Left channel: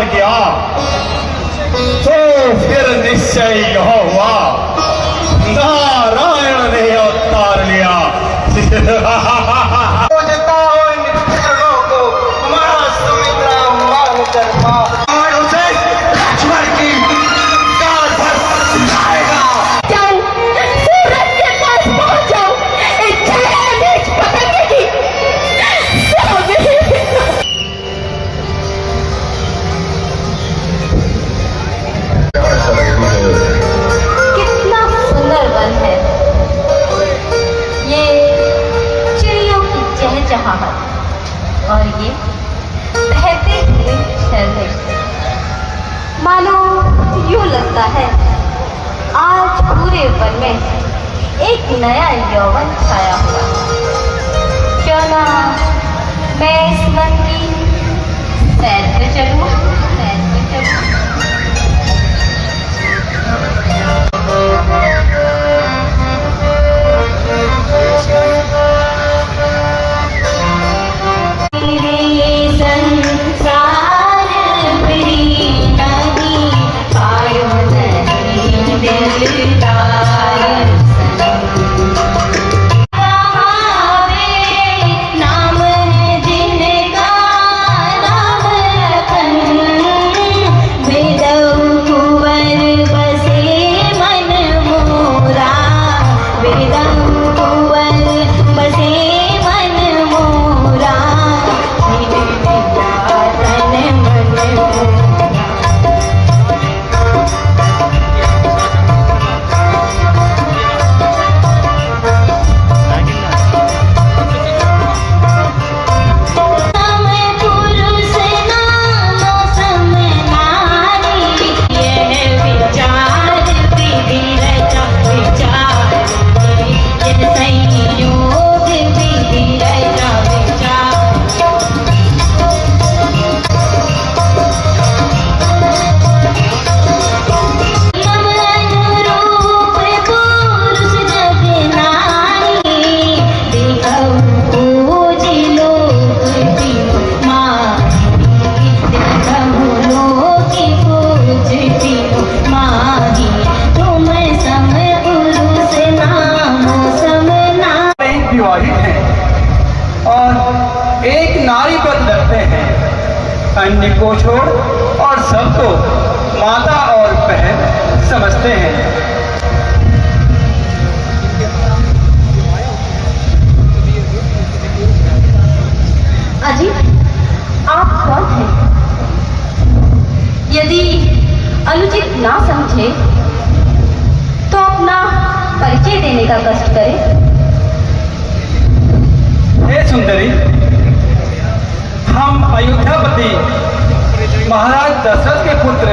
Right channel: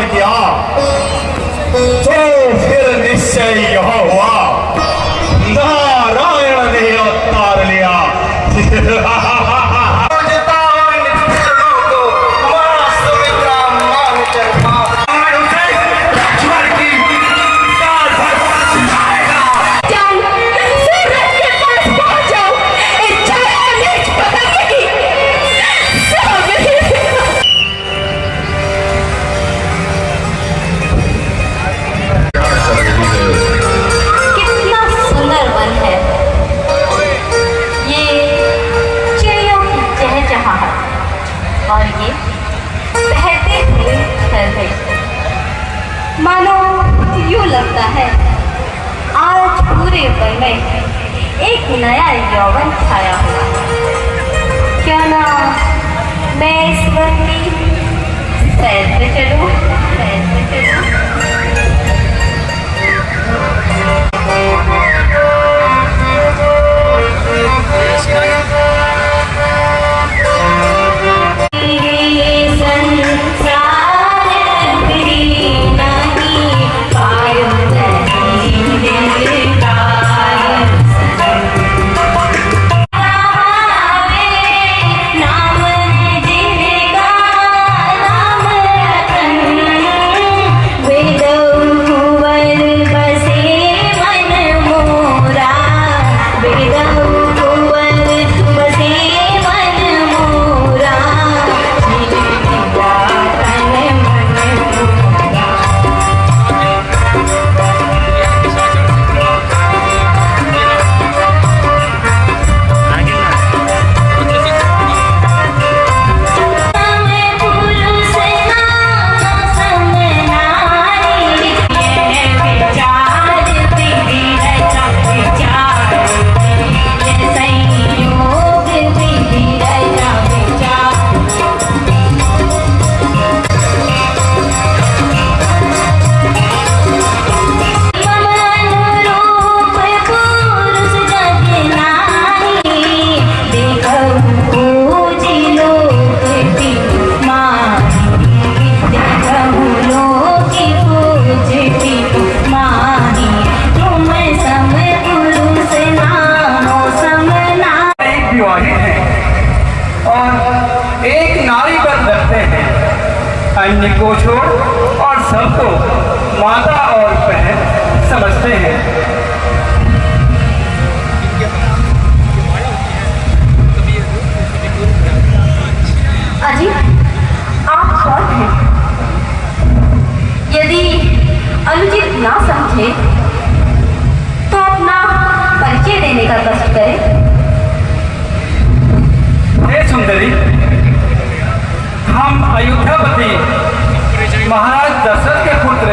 स्वीकार किया तो फिर निश्चय यह हुआ, नारायण ने अवतार लिया। और ये बहते हुए झरने, मानो यूं लगता है आज पूरे वन में एक नया यौवन छाया हुआ। क्यों ना मैं इस वन की सैर पे चलूं, सैर पे चलूं। अन्य को छोड़ और सबको माता और बहन समझते हैं। अजी, आप कौन हैं? यदि अनुचित ना समझे तो अपना परिचय देने का कष्ट करें। हे सुंदरी, हम अयोध्यापति महाराज दशरथ के पुत्र,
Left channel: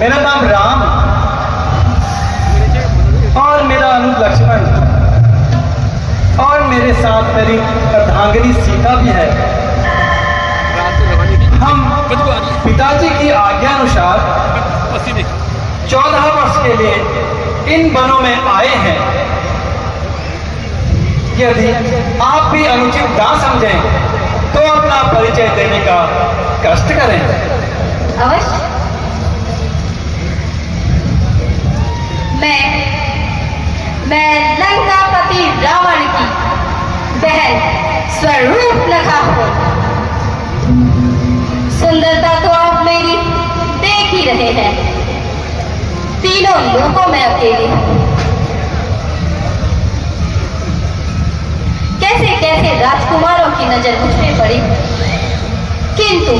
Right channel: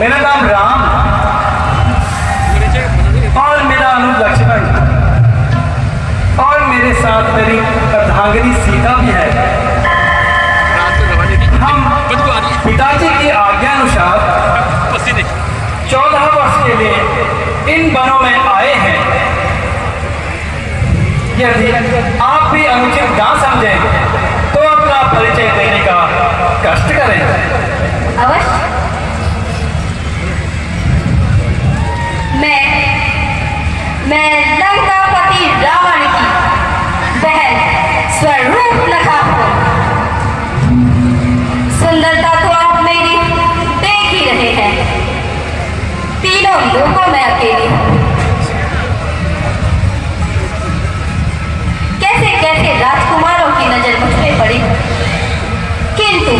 मेरा नाम राम और मेरा अनुज लक्ष्मण और मेरे साथ मेरी अर्धांगिनी सीता भी है। हम पिताजी की आज्ञानुसार 14 वर्ष के लिए इन वनों में आए हैं। यदि आप भी अनुचित ना समझें तो अपना परिचय देने का कष्ट करें। अवश्य। मैं लंकापति रावण की बहन स्वरूप लखा हूं। सुंदरता तो आप मेरी देख ही रहे हैं। तीनों लोगों में अकेली हूं। कैसे कैसे राजकुमारों की नजर मुझ पे पड़ी, किंतु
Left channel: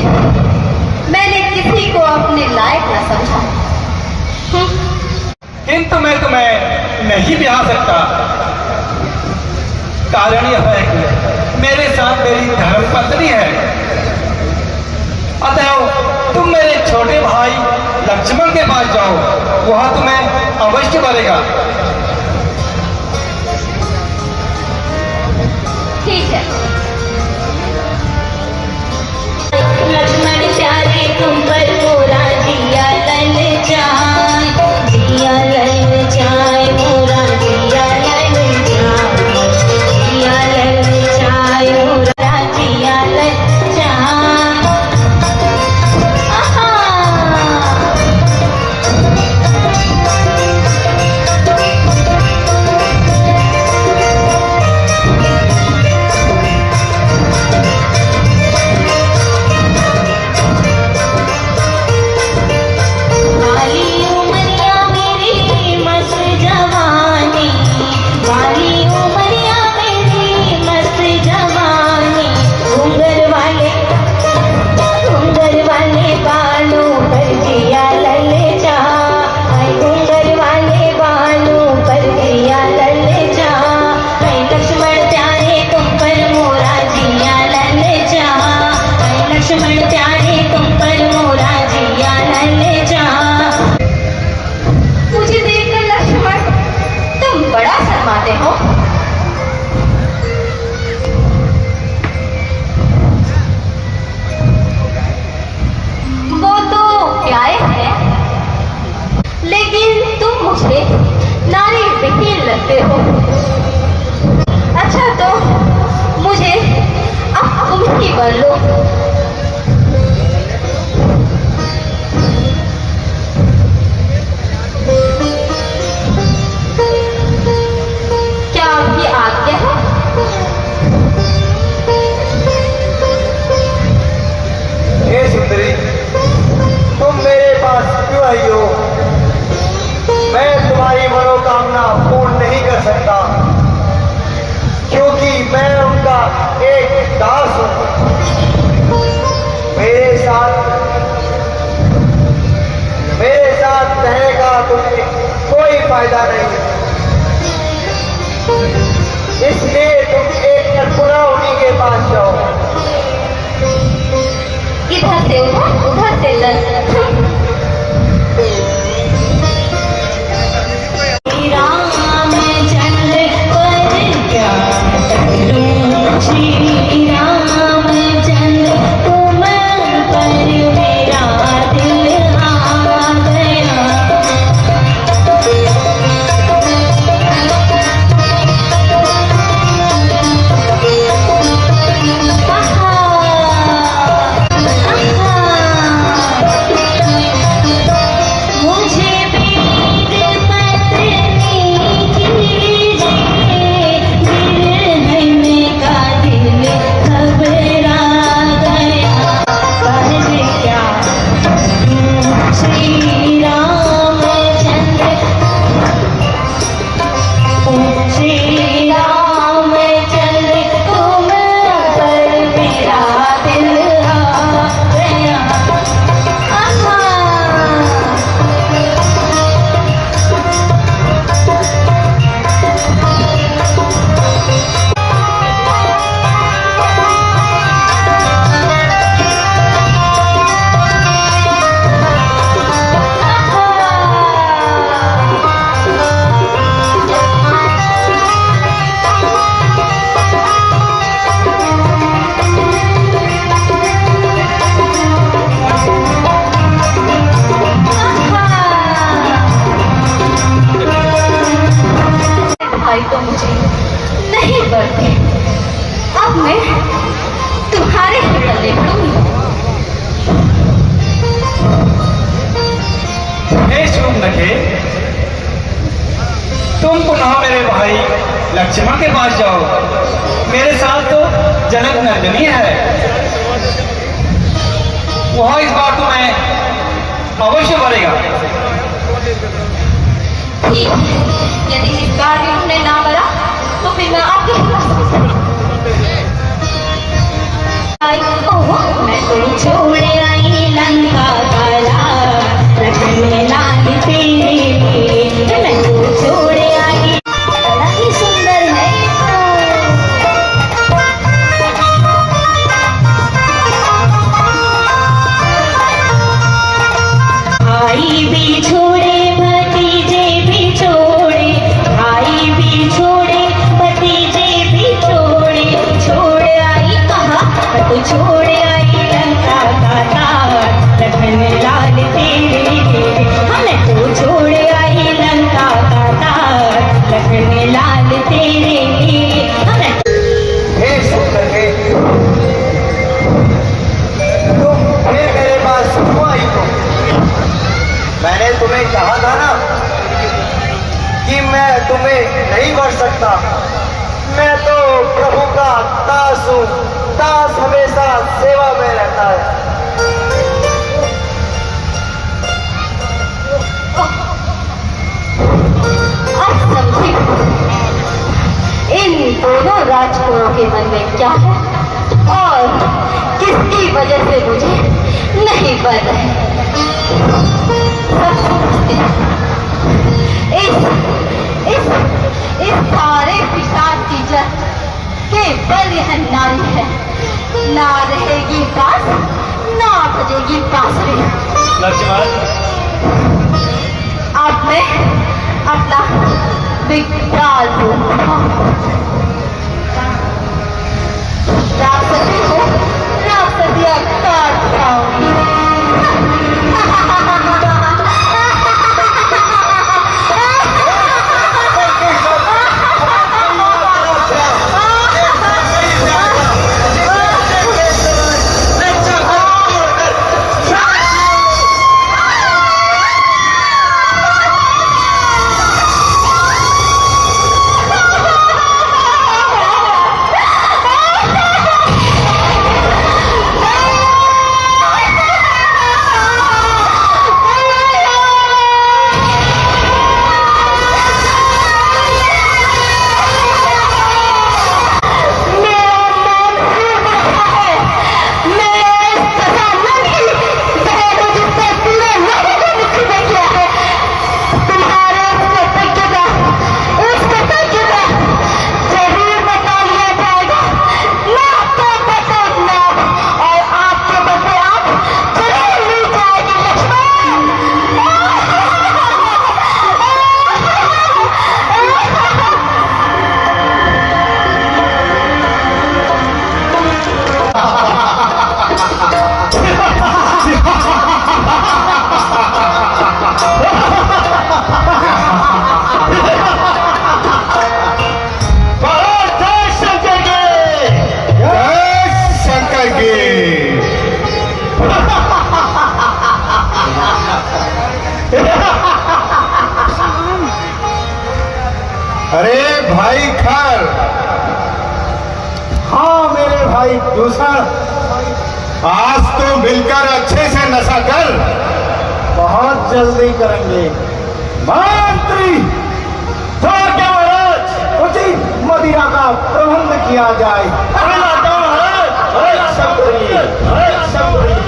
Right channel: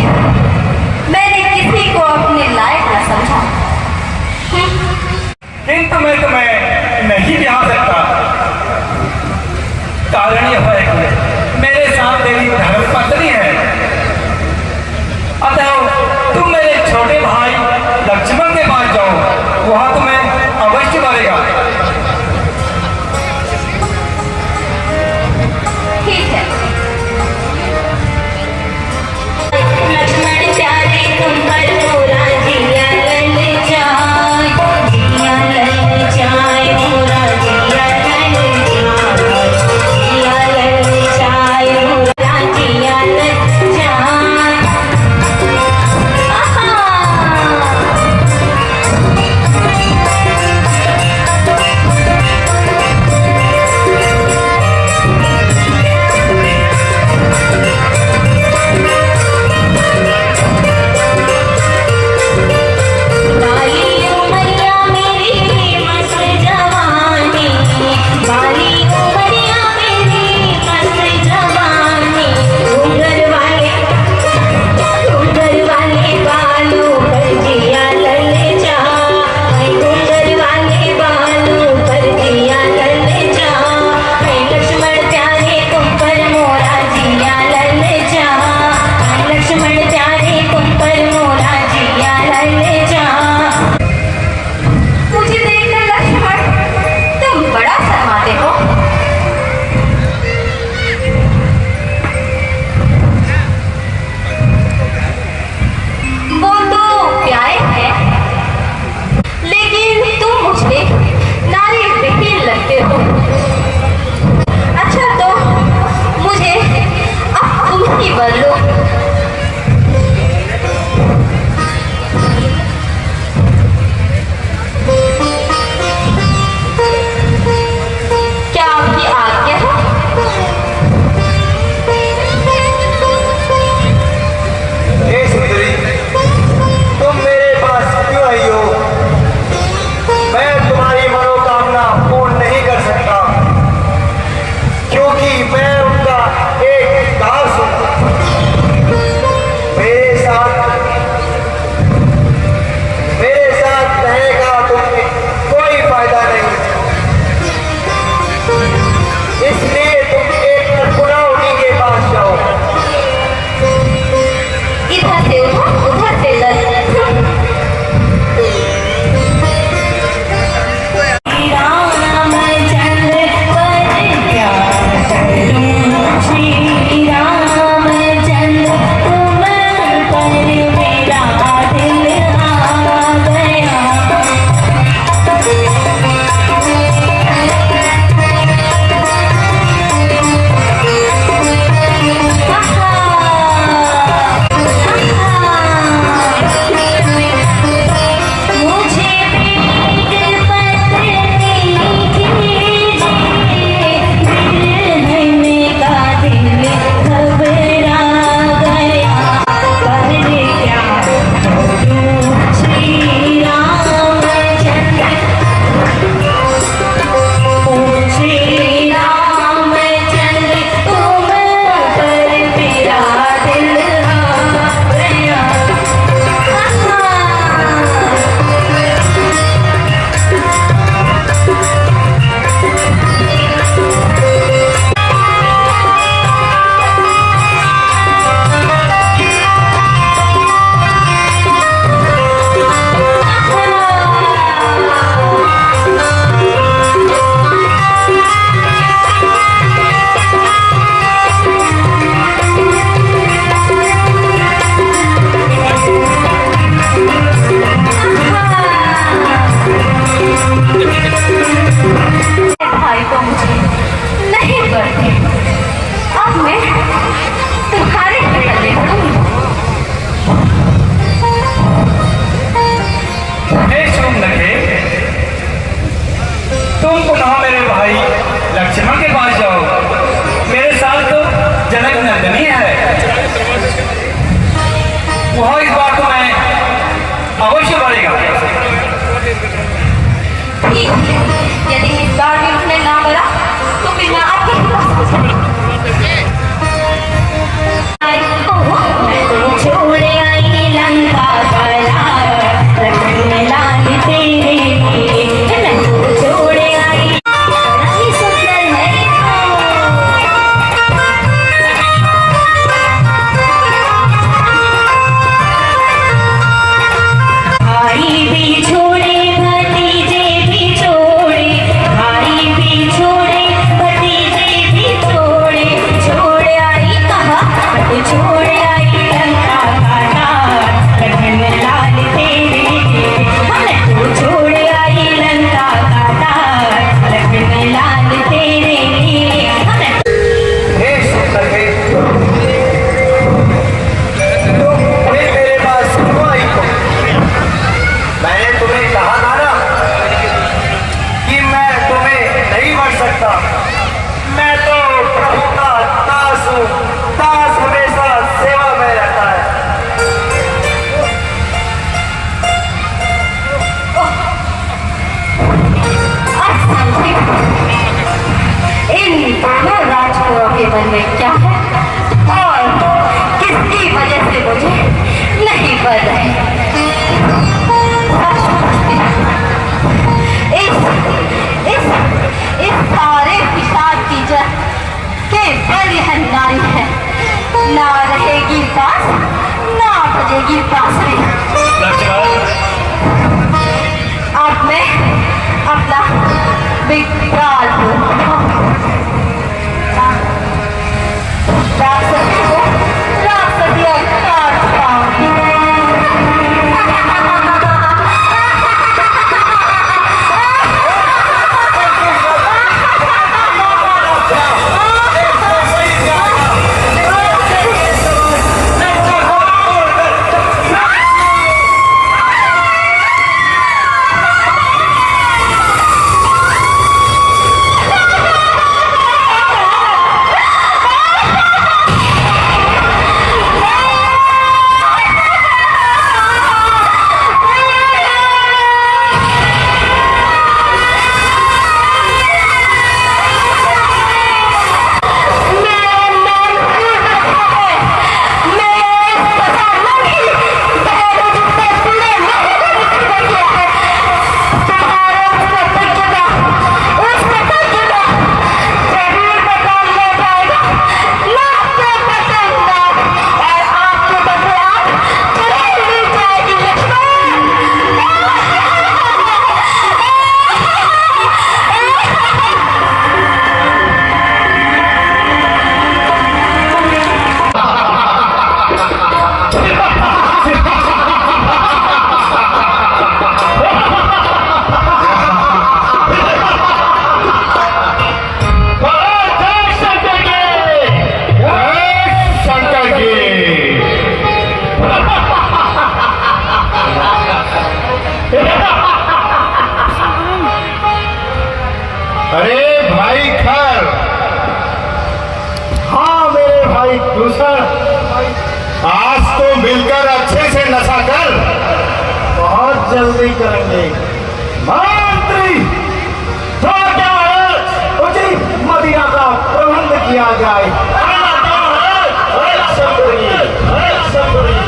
मैंने किसी को अपने लायक न समझा। किंतु मैं तुम्हें नहीं ब्याह सकता। कारण यह है कि मेरे साथ तेरी धर्मपत्नी है। अतः तुम मेरे छोटे भाई लक्ष्मण के पास जाओ, वहां तुम्हें अवश्य मिलेगा। ठीक है। लक्ष्मण नंदनी है। वह इस बात को मैं अवश्य बोलेगा। ठीक है, यदि इस बार भी उन्होंने ना बोला तो फिर मैं आपके पास छोड़े आई लंका का लाल तेरे छोड़े आई बड़ा ही सुंदर है। भाई भी छोड़े भतीजे भी छोड़े, भाई भी छोड़े भतीजे भी छोड़े, छोड़ आई कहाँ तो छोड़ आई लंका का तार रखने लाल तेरे, हमने तो छोड़ आई लंका का तार रखने लाल तेरे, हमने हे शंकर हे, तुम फिर मेरे पास क्यों आई हो? मैंने तुम्हें कहा था ना कि मैं तुम्हें नहीं मर सकता। मैं तो प्रभु का दास हूँ, दास हमेशा सेवा में रहता है। आप समझे इन दोनों राजकुमारों के मन में क्या है और किसकी वजह से मुझे नहीं पड़ रहे। सब समझते हैं। इस सारे पिशाच की जड़ के बल यह नारी है, ना रहेगी पास ना बजेगी बांसुरी। अब मैं अपना विकराल रूप राक्षसी को राक्षसिया काट पाऊंगी। अरे भाई खर, हाँ मेरे भाई दूसर, आज तो मिलकर अच्छे से नशा कर। बहुत जल्दी करेंगे मंत्री, तो क्या महाराज उचित मदिरा का प्रबंध किया जाए। शंकरी, शंकरी।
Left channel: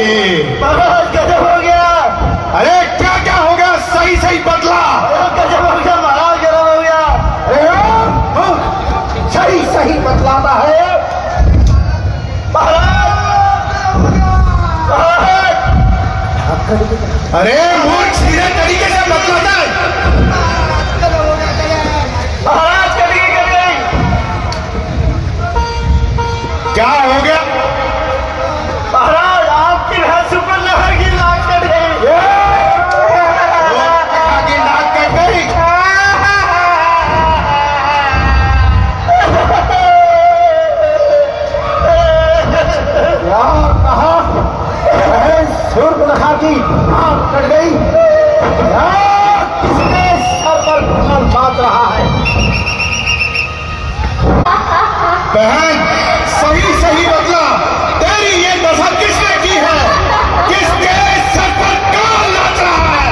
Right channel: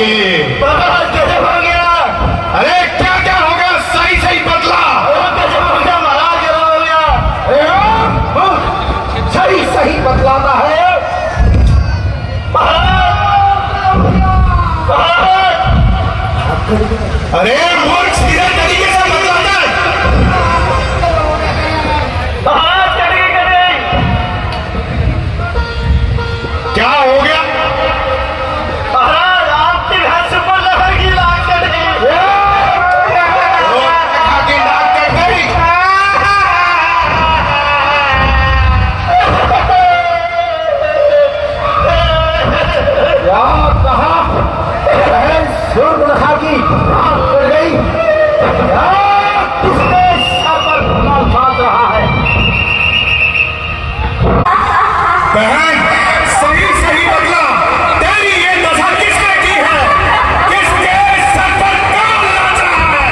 जाएगी। गजब हो गया। अरे क्या क्या हो गया, सही सही बतला। गजब हो गया महाराज, गजब हो गया। सही सही बतलाता है। अरे मूर्ख सीधे तरीके से बतलाता है। महाराज करिए। क्या हो गया? महाराज आपकी भैंस ऊपर लहर की लाश कर गई। की नाक कट गई। क्या कहा? सूर्पनखा की नाक कट गई। किसके सर पर कमाल बांध रहा है? बहन सही सही बतला, तेरी ये दशा किसने की है? किसके सर पर कौन नाच रहा है?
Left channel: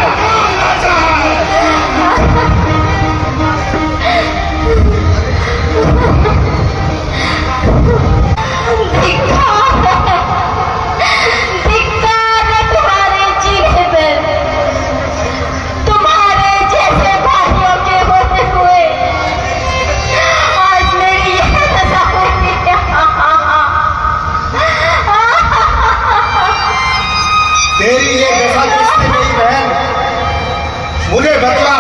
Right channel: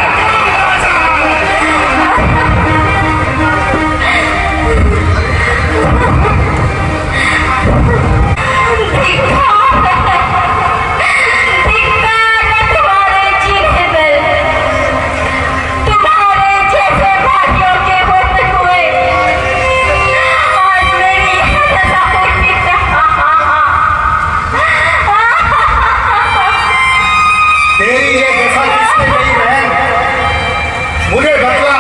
तुम्हारे जीने पे, तुम्हारे जैसे भाइयों के होते हुए आज मेरी ये दशा हुई है। तेरी ये दशा किसने की बहन? मुझे बतला।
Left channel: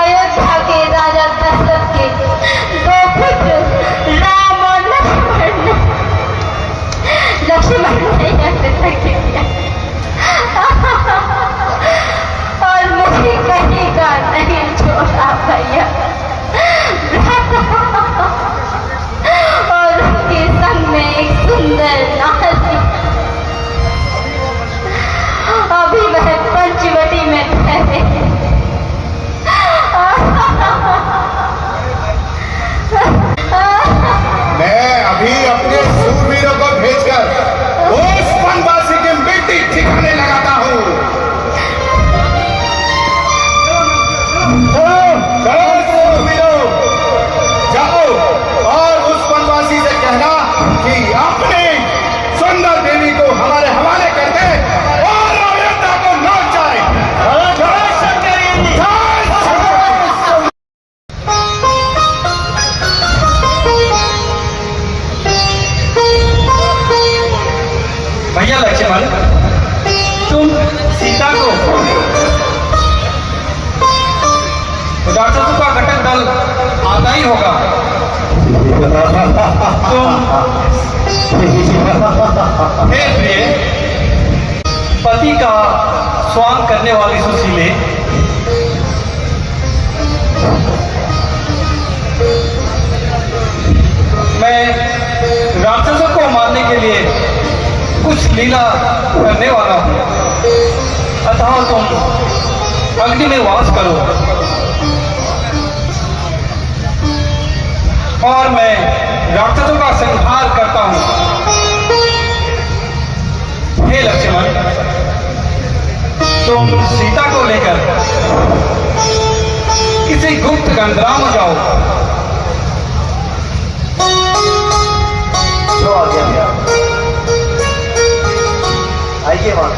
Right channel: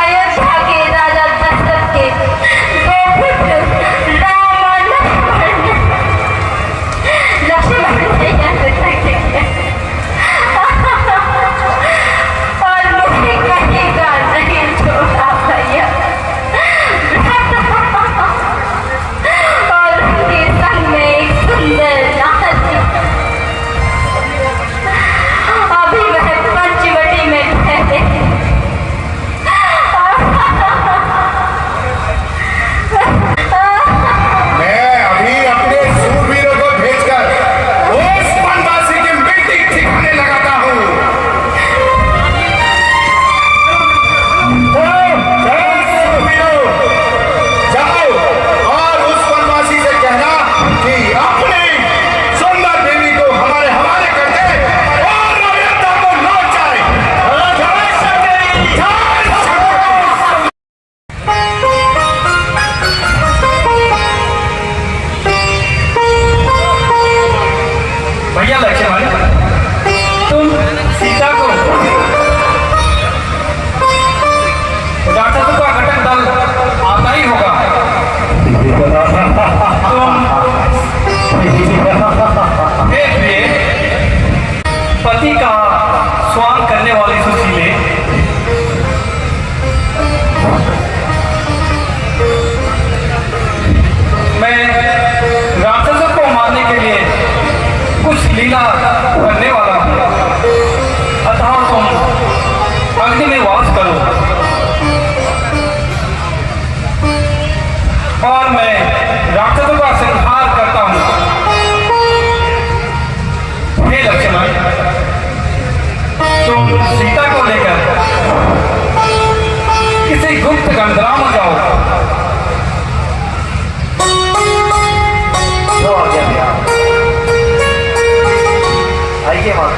अयोध्या के राजा दशरथ के दो पुत्र राम और लक्ष्मण ने और मुझे कहीं का नहीं छोड़ा भैया। और उसके संग में एक सुंदर नारी, अभी वह पंचवटी में ठहरे। मैं अभी अपने सूरवीरों को भेजकर उस वनवासी की मिट्टी ठिकाने लगाता हूँ। चलो सूरवीरों, जाओ और उस वनवासी से कहना कि अपनी सुंदर देवी को हमारे हवाले कर दे और अयोध्या को लौट जाए। जय शंकरी, जय शंकरी। भैया लक्ष्मण, तुम सीता को राक्षसों का घटक दल आता ही होगा। हे प्रिय, पति का स्वांग करने वाली सुशीले, मैं राक्षसों को मारने के लिए कुछ लीला करने वाला हूँ। अतः तुम अग्नि में वास करो और मैं राक्षसों का संहार करता हूँ। हे लक्ष्मण, तुम सीता को लेकर किसी गुप्त गंधराम जाओ। जो आ गया आइए वहां।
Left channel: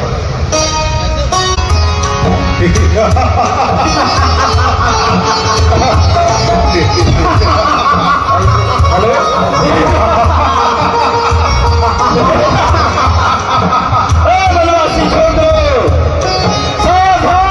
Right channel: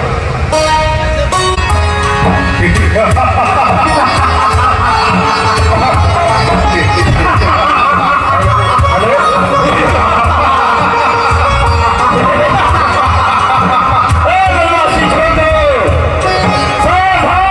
बनवासी छोड़ दो, सावधान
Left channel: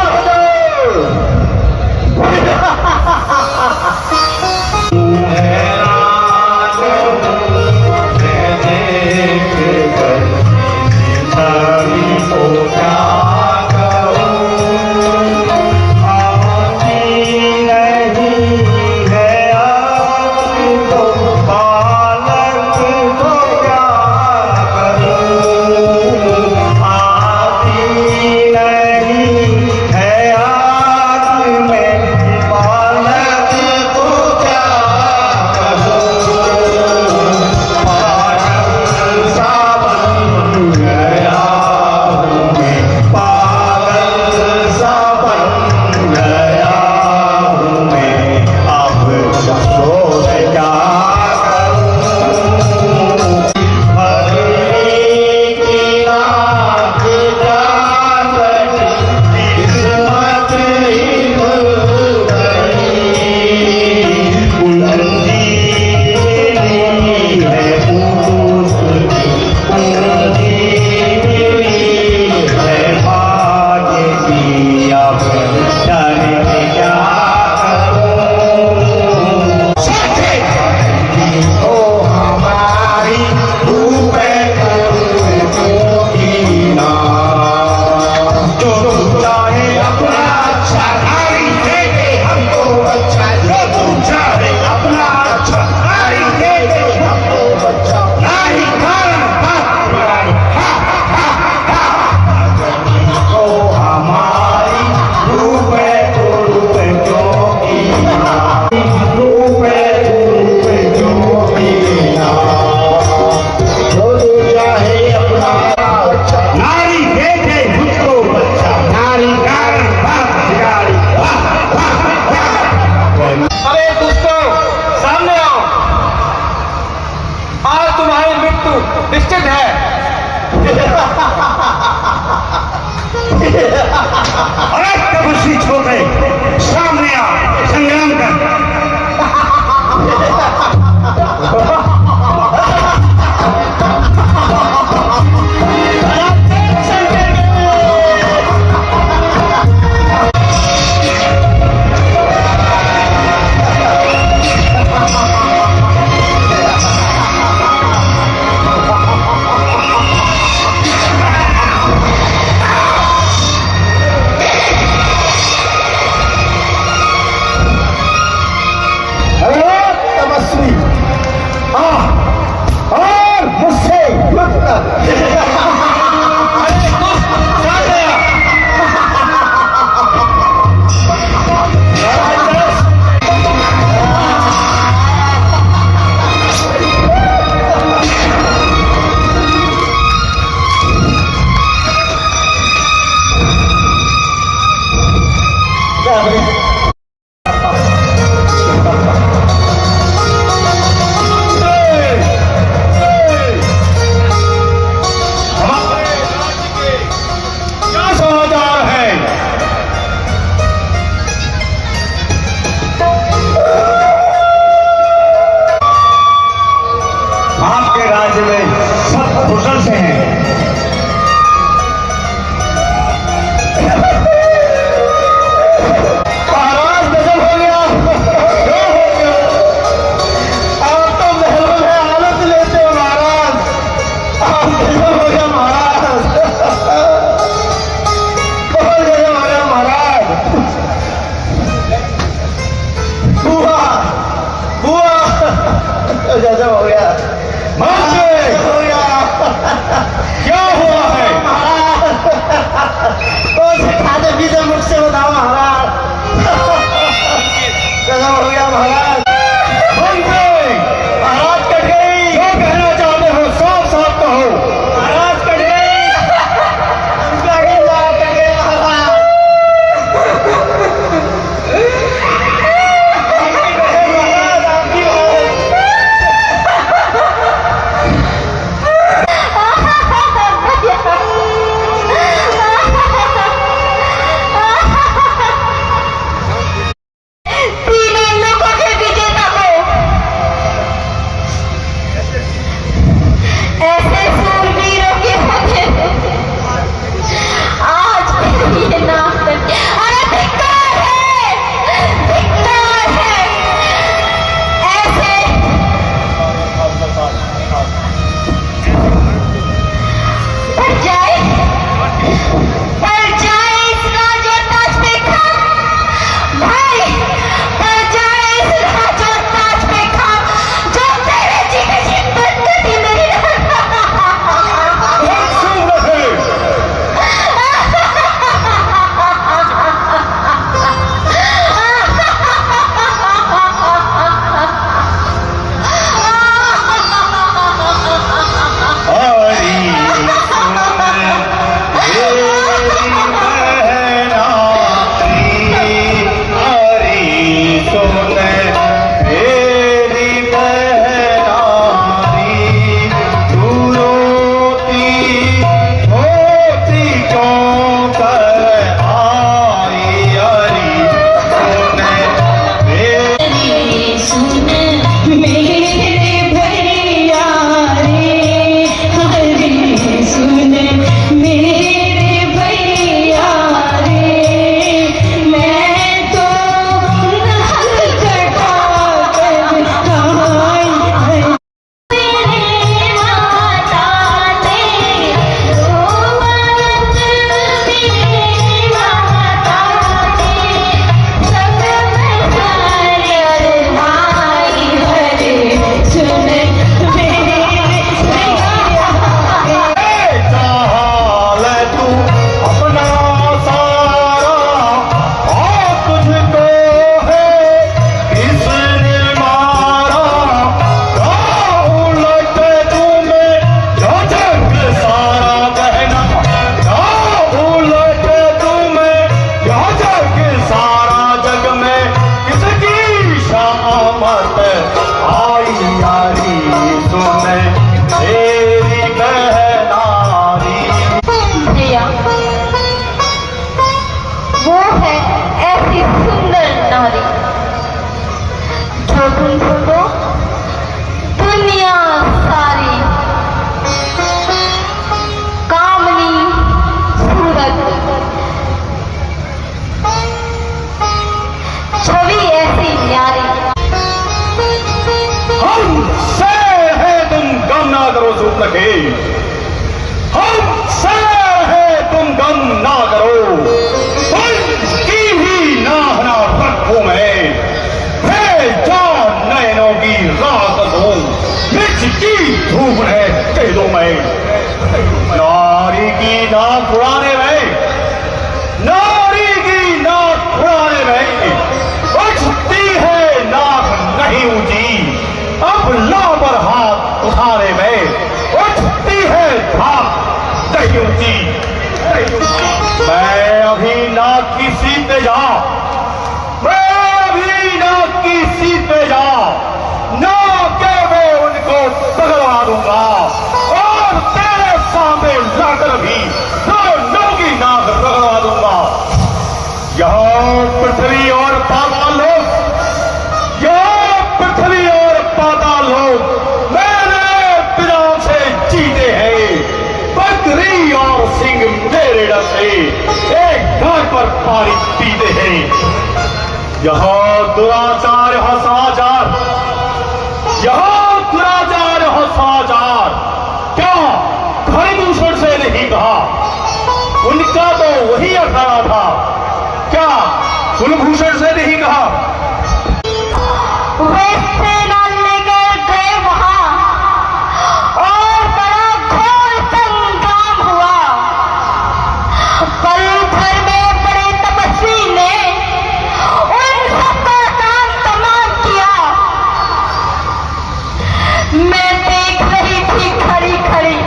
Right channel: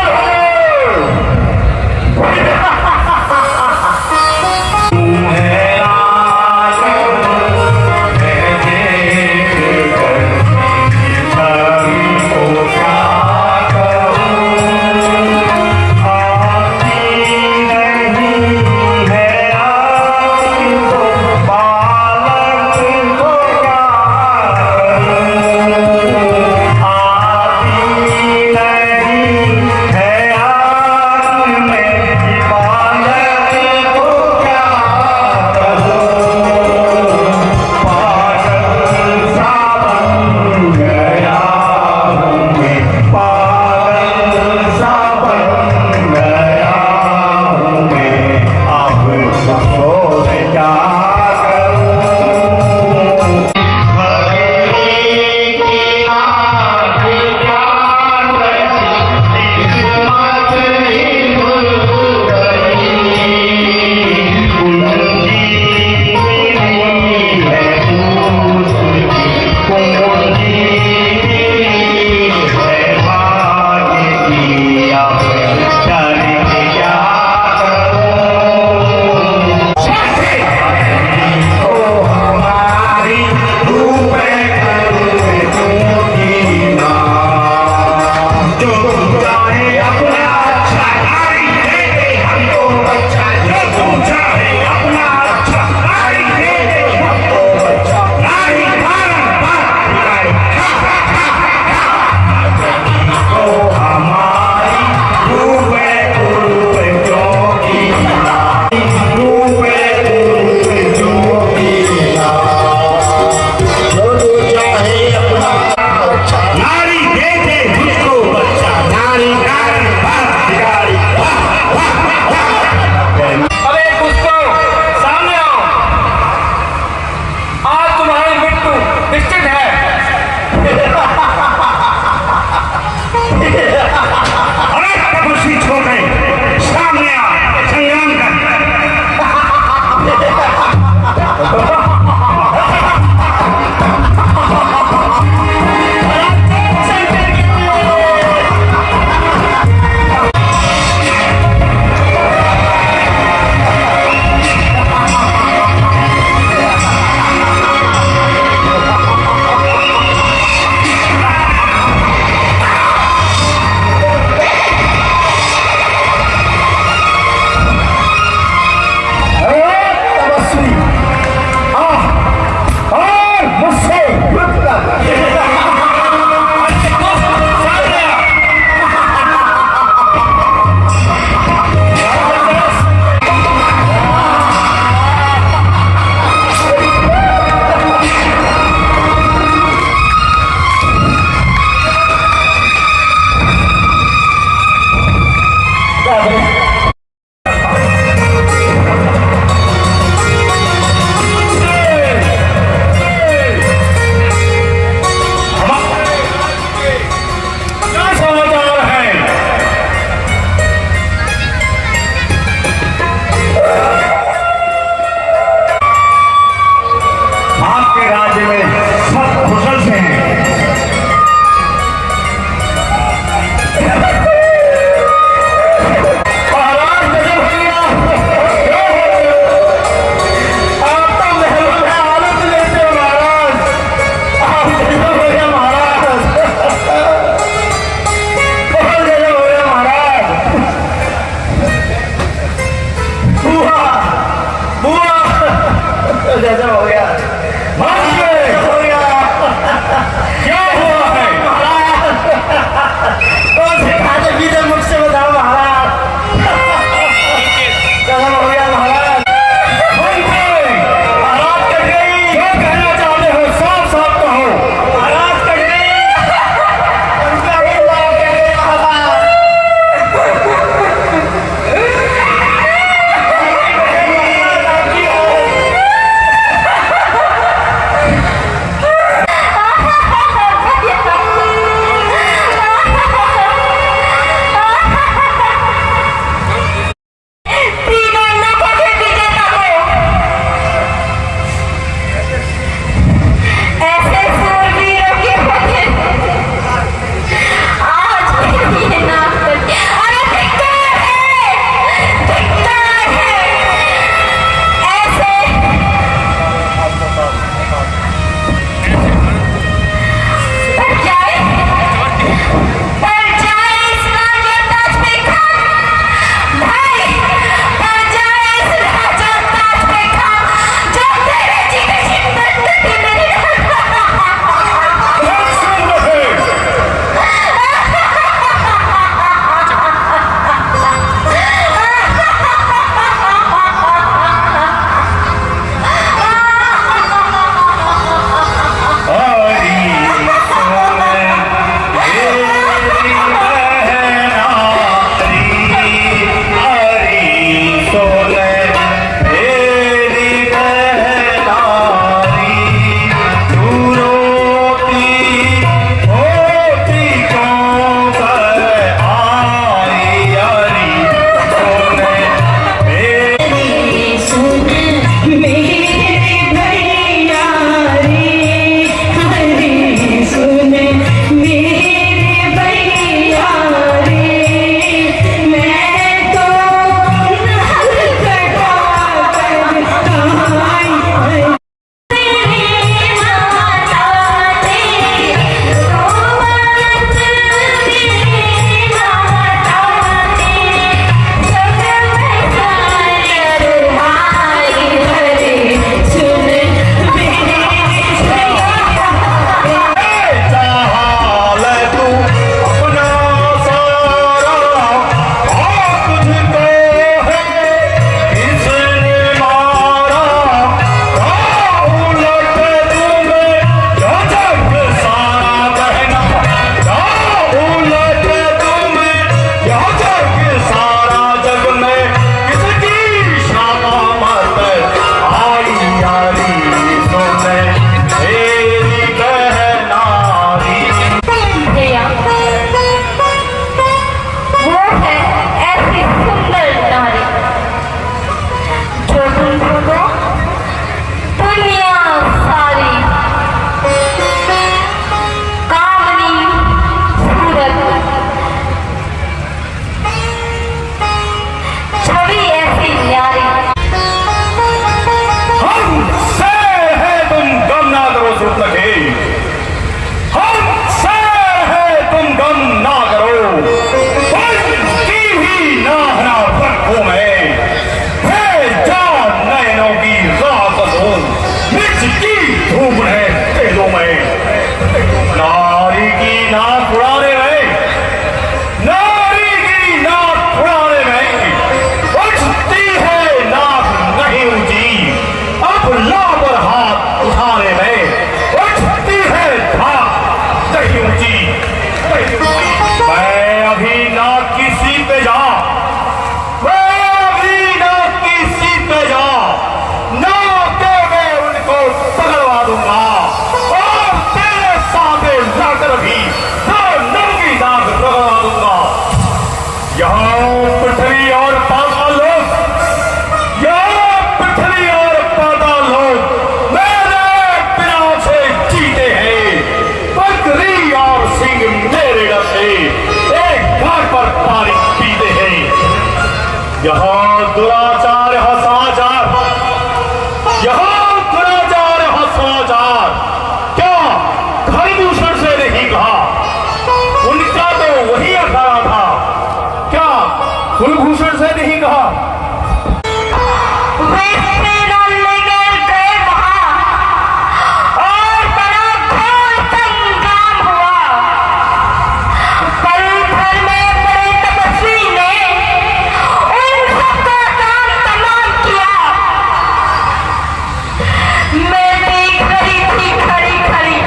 नारी की नाक उड़ाने में, नारी की नाक उड़ाने में उठती है नाक नहीं ऊंची, अब लाबर हाथ उठाने में उठती है धाक नहीं ऊंची। मैं अभी नाक की सीट पे जा, मैं अभी नाक की सीट पे जा, नाक के मैं उनको पकड़वा दूंगा और तेरे सामने लाकर भी दोनों की नाक पकड़वा दूंगा। यहाँ पृथ्वी और पाताल लोग, यहाँ पृथ्वी और पाताल लोग मेरे बिना से जीते हैं। बकरी और सिंह मेरे डर से एक घर पर पानी पीते हैं। यहाँ दुराचार, यहाँ समाचार, यहाँ दुराचार, यहाँ समाचार क्या धर्मभूषण से नहीं कहा? उनका तो वही अखाड़ा था, क्या कुलभूषण से नहीं कहा? वे सेना लेकर गए वहां और बड़ा घोर संग्राम हुआ। पलभर में बड़े तपस्वी ने उन सबका काम तमाम किया। मैं देख रही थी खड़ी खड़ी,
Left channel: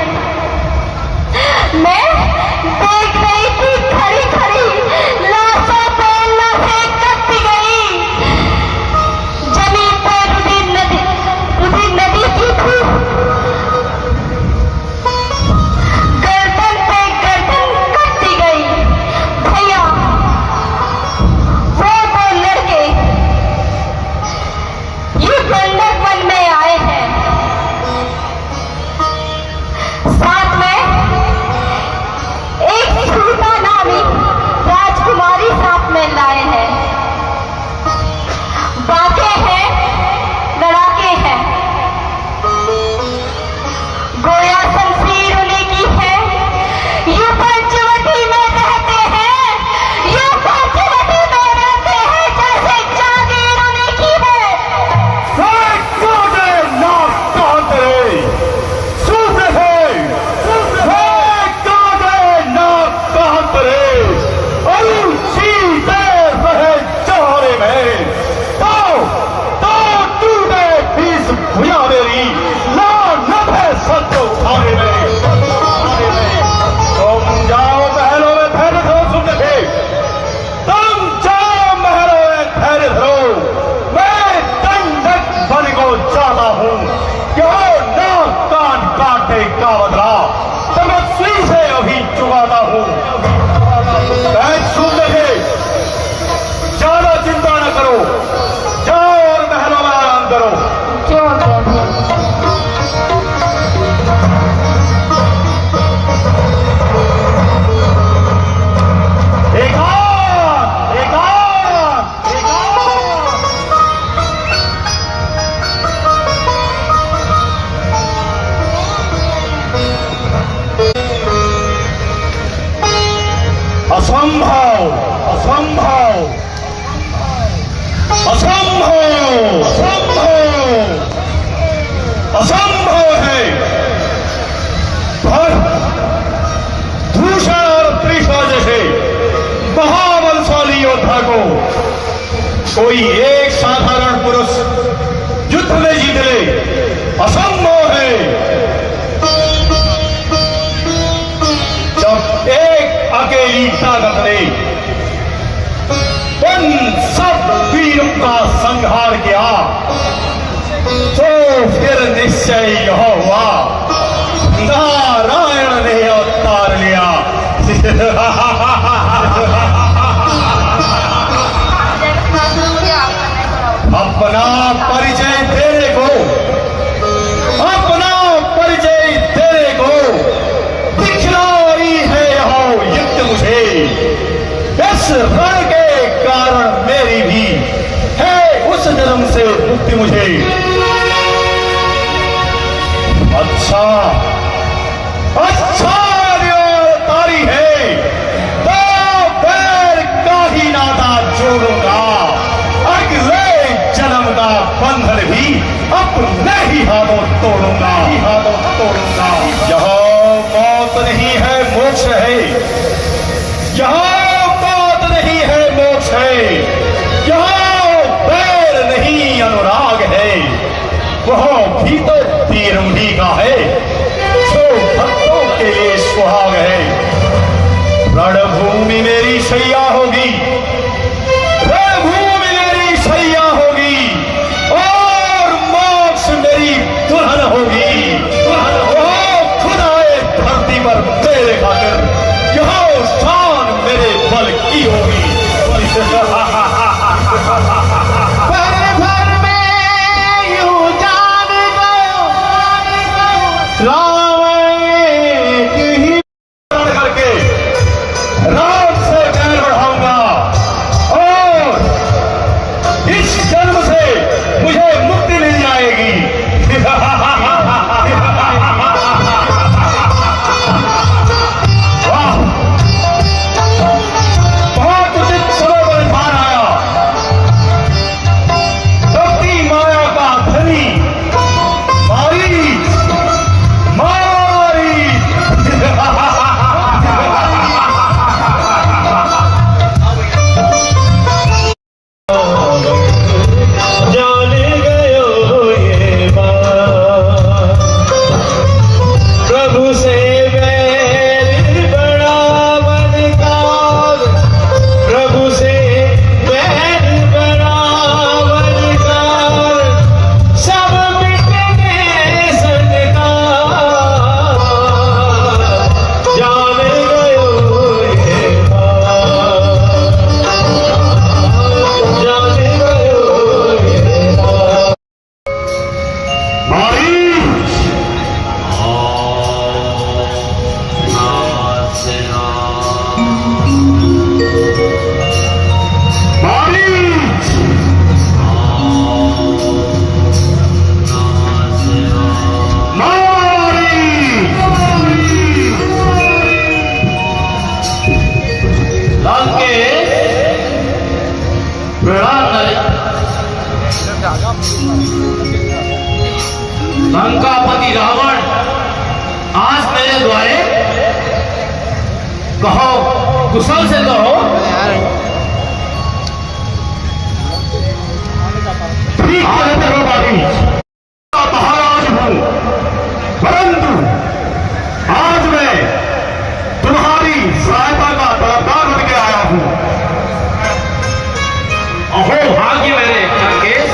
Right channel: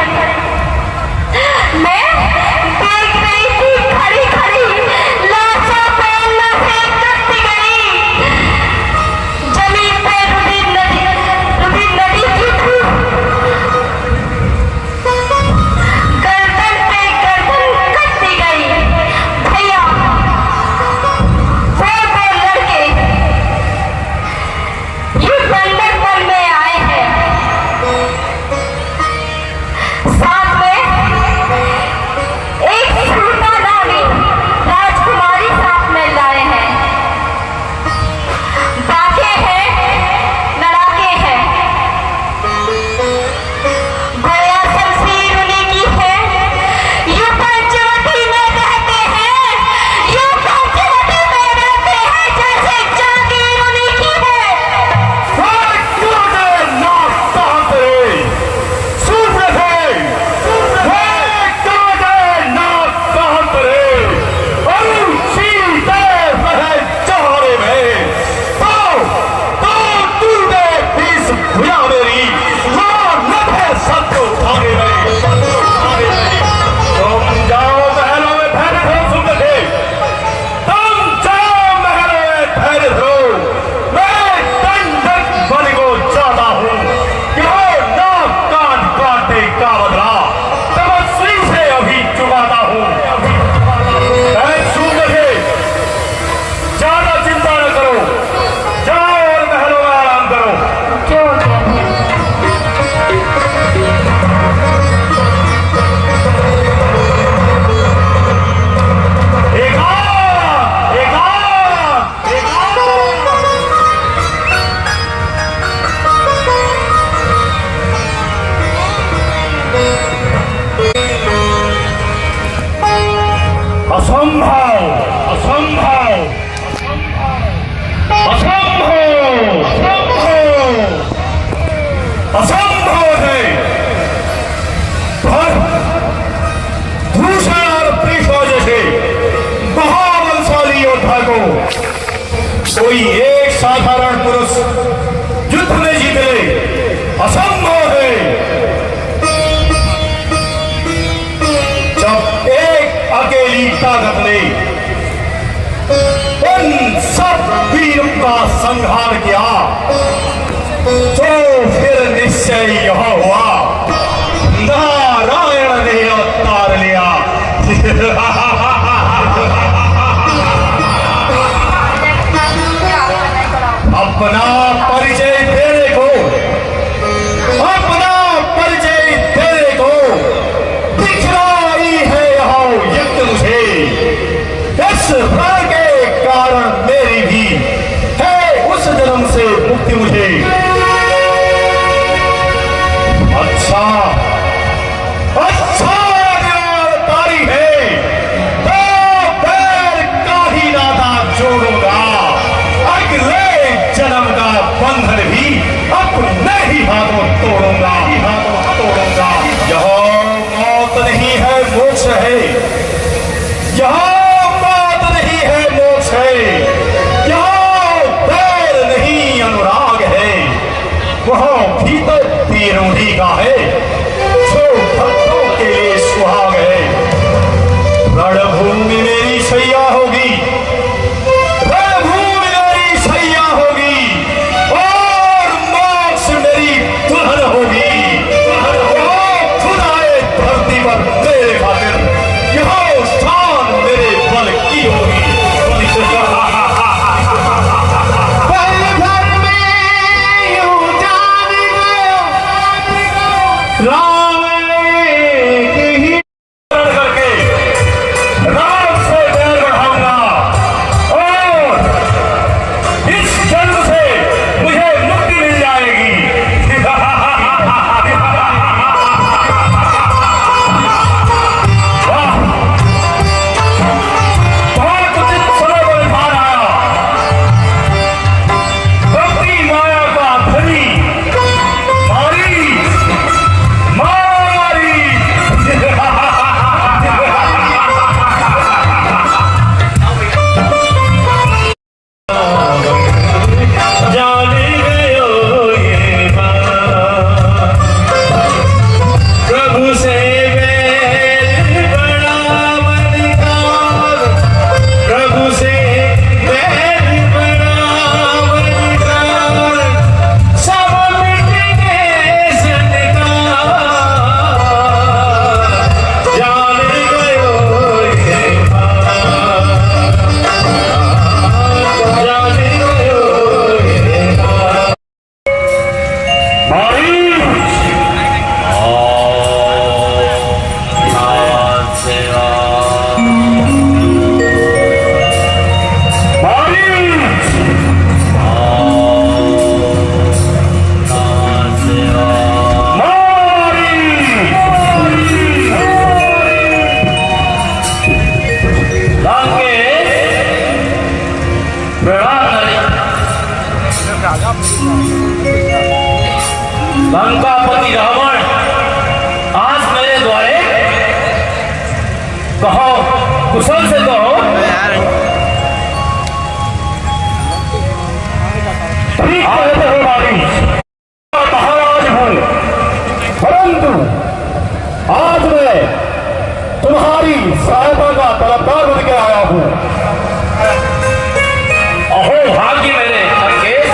मैं देख रही थी खड़ी खड़ी, लाशों पे लाशें कटती गई। जमीन पे रुधिर नदी की थी, गर्दन पे गर्दन कटती गई। भैया वो दो लड़के ये बंधक वन में आए हैं, साथ में एक सुल्तान नामी राजकुमारी साथ में लाए हैं। बाके हैं, लड़ाके हैं, गोया शमशीर उन्हीं की है। यूं पंचवटी में रहते हैं, यूं पंचवटी में रहते हैं, जैसे जागीर उन्हीं की है। कोई एक साधारण पुरुष युद्ध में जीते असंभव है। जब एक अकेली ताकत ने उन सब वीरों का संहार किया तो फिर निश्चय यह हुआ, नारायण ने अवतार लिया। अपना परिचय देने को, अपना परिचय देने को दिखलाई है यहाँ युक्त मुझे। इस रण के कारण मेरी भी है उस जन्म से मुक्ति मुझे। भाग है। रणभूमि मेरी शैया होगी, रणभूमि मेरी शैया होगी और मोक्ष मेरी दुल्हन होगी। खुद आए धरती पर मेरे खातिर, यहाँ शान मेरे बल की होगी। लंकापति रावण आज मेरे द्वारे कहो, कुशल से कहो। ठीक कहते हो भाभी, परंतु आज मैं तुम्हारी सहायता का तलबदार बन के आया हूं। अहो भाग्य मेरे लंकेश,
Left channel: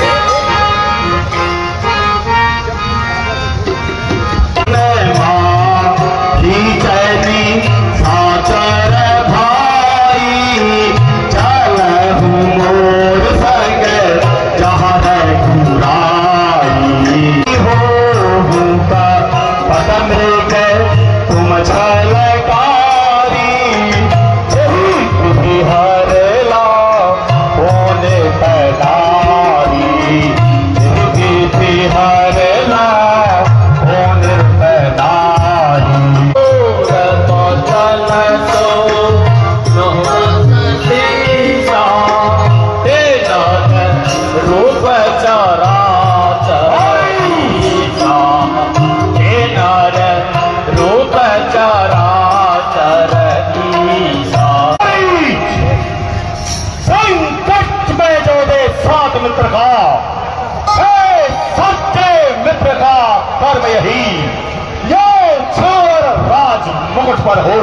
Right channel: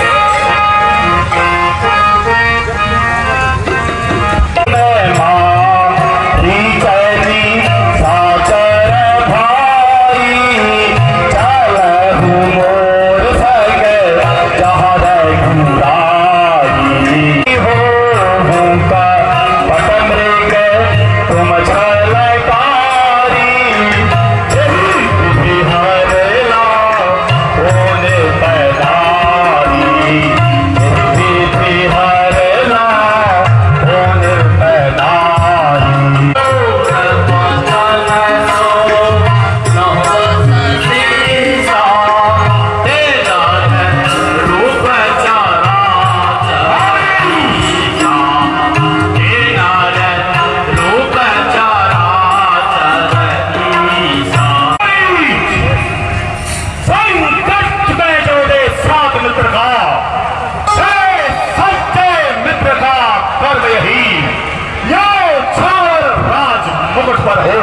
मुकुट पर हो,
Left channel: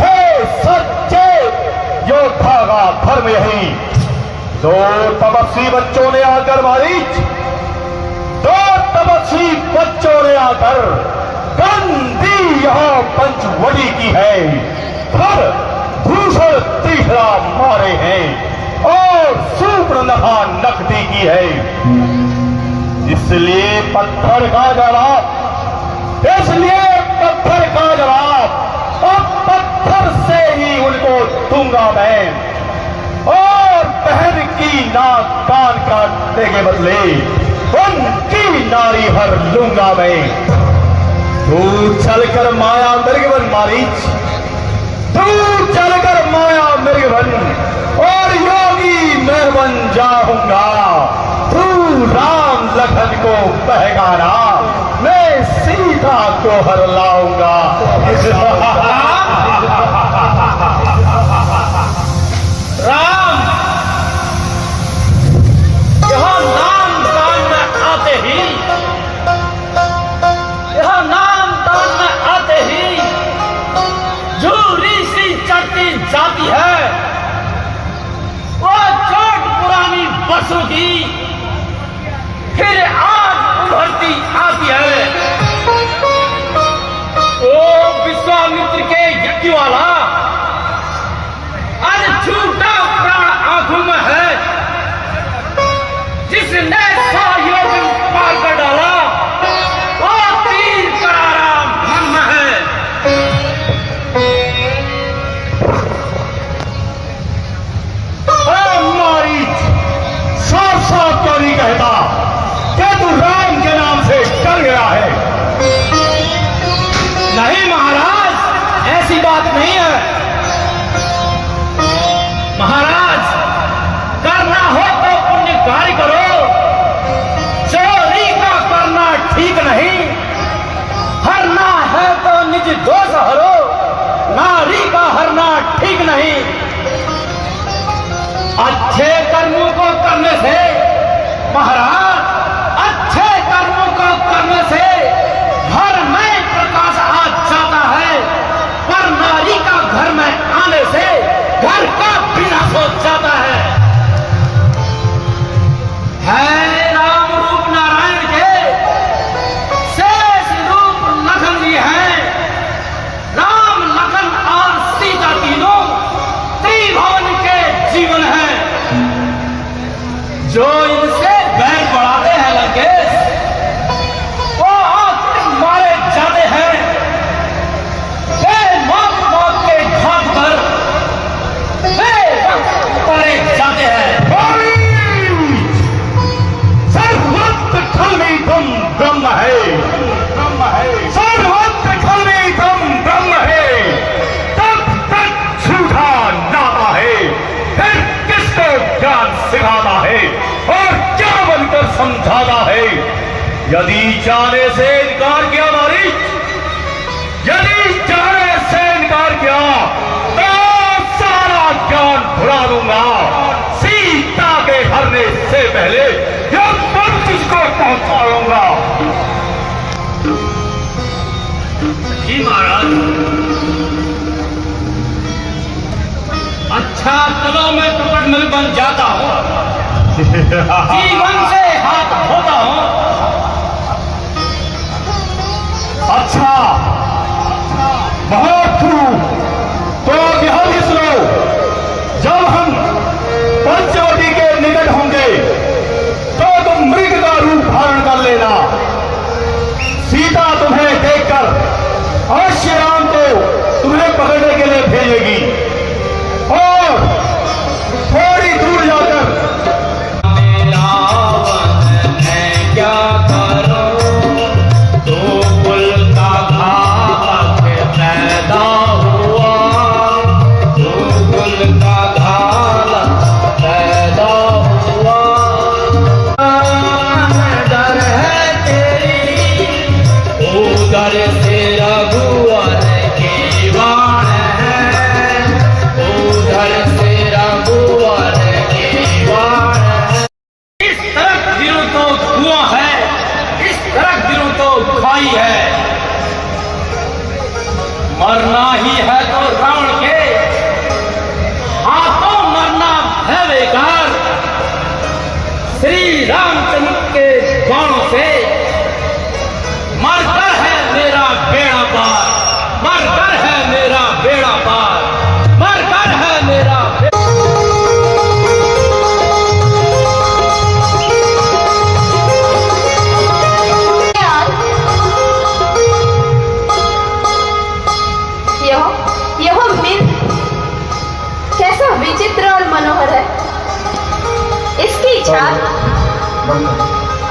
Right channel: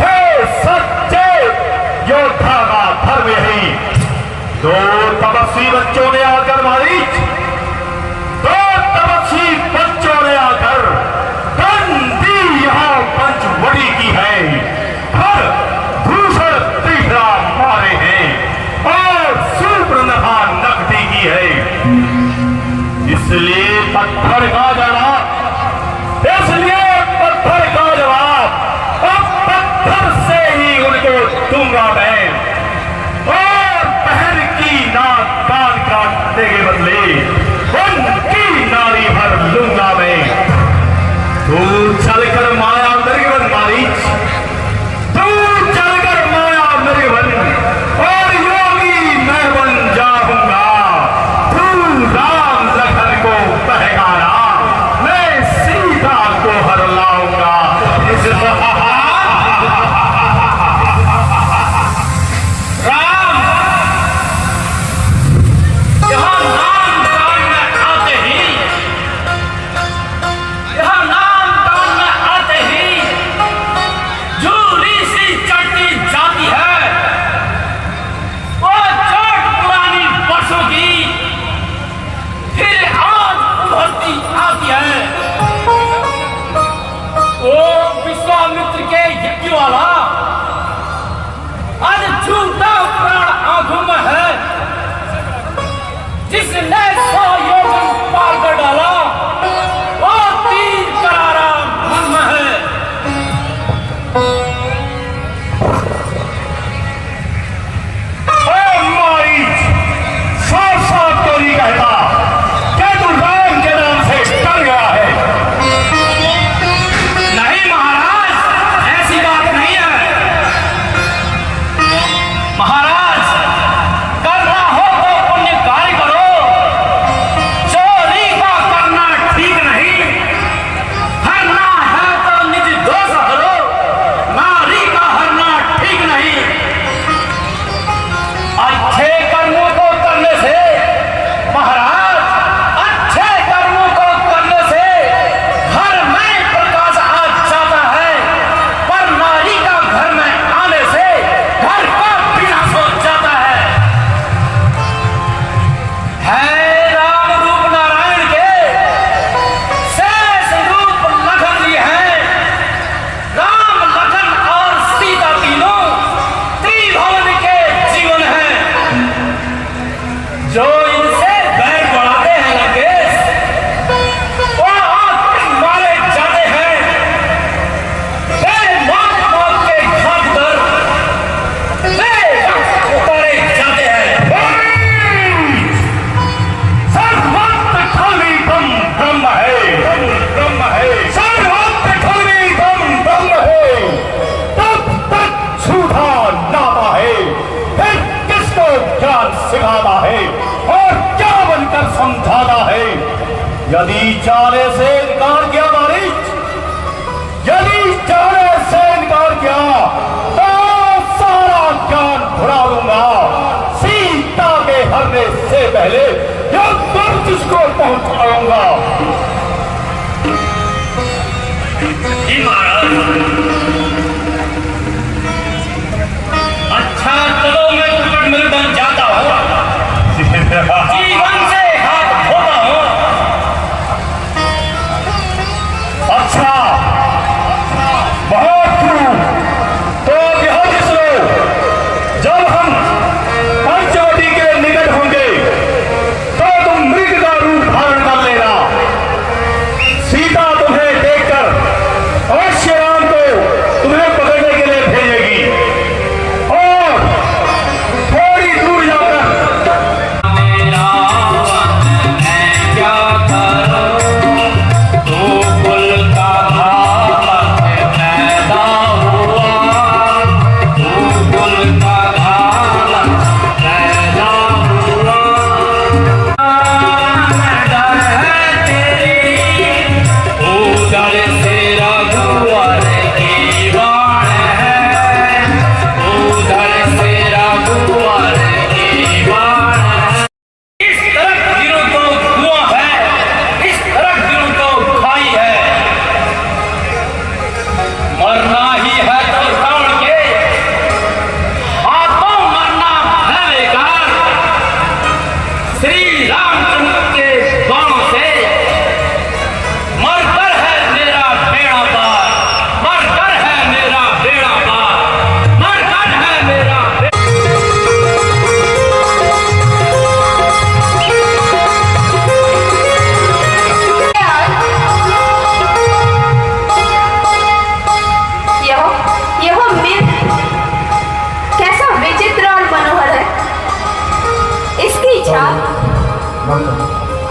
हे सच्चे योद्धा का धर्म यही। दो तपस्वी बच्चों ने आकर मारीच, दो तपस्वी बच्चों ने आकर गंदी यहाँ पंचवटी की है, फिर भूषण त्रिफला मारे हैं और सूर्पनखा नकटी की है। इसलिए पत्थर का जवाब, इसलिए पत्थर का जवाब अब पत्थर से ही उनको दूंगा मैं, और बहन की नाक कान काटने के बदले उनकी नारी भर लूंगा मैं। दूर चलकर माया मृगवन मारीच, दूर चलकर माया मृगवन और योगी मैं बन जाऊंगा। तू राम लखन को कहेगा ना, मैं सीता को हर लाऊंगा। राम, यहाँ नाम दान में आते ही, यहाँ नाम दान में आते झूरी सी चढ़ती जाती है, वो चोट पुरानी बरसों की फिर आज उभरती आती है। ओ विश्वामित्र के यज्ञवाला, आज झूठा प्राण आंखों में है, जिसने 100 योगी पार कर डाला, वो तीर करारा मन में है। साफ साफ क्यों नहीं कहता? क्या तू राम के नाम से डर गया है? नहीं महाराज, ऐसी बात नहीं है। महाराज, करना हो तो पुण्य कार्य करो, चोरी का करना ठीक नहीं। हरना है तो निज दोष हरो, नारी का हरना ठीक नहीं। अच्छे कर्मों को करने से महाराज, अच्छे कर्मों को करने से घर में प्रकाश आ जाता है, पर नारी का घर में आने से घर का विनाश हो जाता है। राम रूप नारायण के शेष रूप लखन जी हैं। राम, लखन और सीता तीनों त्रिभुवन के जीवन हैं। जो इनसे बैर बढ़ाते हैं लंकेश, वो आंख मारे जाते हैं। वे मौत मौत के घाट पर वे उतारे जाते हैं। सर्वत्र खलवी बम ब्रह्म है, ब्रह्म है। सर्वत्र खलवी बम ब्रह्म है। तब तक झूठा नामा है, फिर किसको ज्ञान सिखाना है और क्या बनकर समझाना है? यदि जाने से इनकार किया मारिच, यदि जाने से इनकार किया तो सारा ज्ञान भुला दूंगा। सीता के हरने से पहले यह पल तुझको पहुंचाऊंगा। जी महाराज, अच्छा चलो मैं कुटुंब बन जाता हूँ, जीवन से हाथ धोता हूँ। अच्छा महाप्रभु, तो यह सुनो, जब हम पंचवटी के निकट होंगे तो तुम मृग का रूप धारण कर लेना। सीता तुम्हें देखकर अवश्य राम को तुम्हें पकड़ने के लिए भेजेगी और थोड़ी दूर जाकर क्या करूं, तू कुल का भाग पैदा हुआ, तू कुल का भाग पैदा हुआ। डर है तेरी, उधर से रघुवर की वाण है, उधर से रघुवर की वाण है। इस तरफ दिलों को धुआं है, इस तरफ दिलों को खाई है। मरना ही है तो रावण के हाथों मरना है बेकार। श्री रामचंद्र के बाणों से मरकर है मेरा बेड़ा पार, मरकर है मेरा बेड़ा पार, मरकर है मेरा यह मिल कैसा विचित्र और मनोहर है। इसकी छाप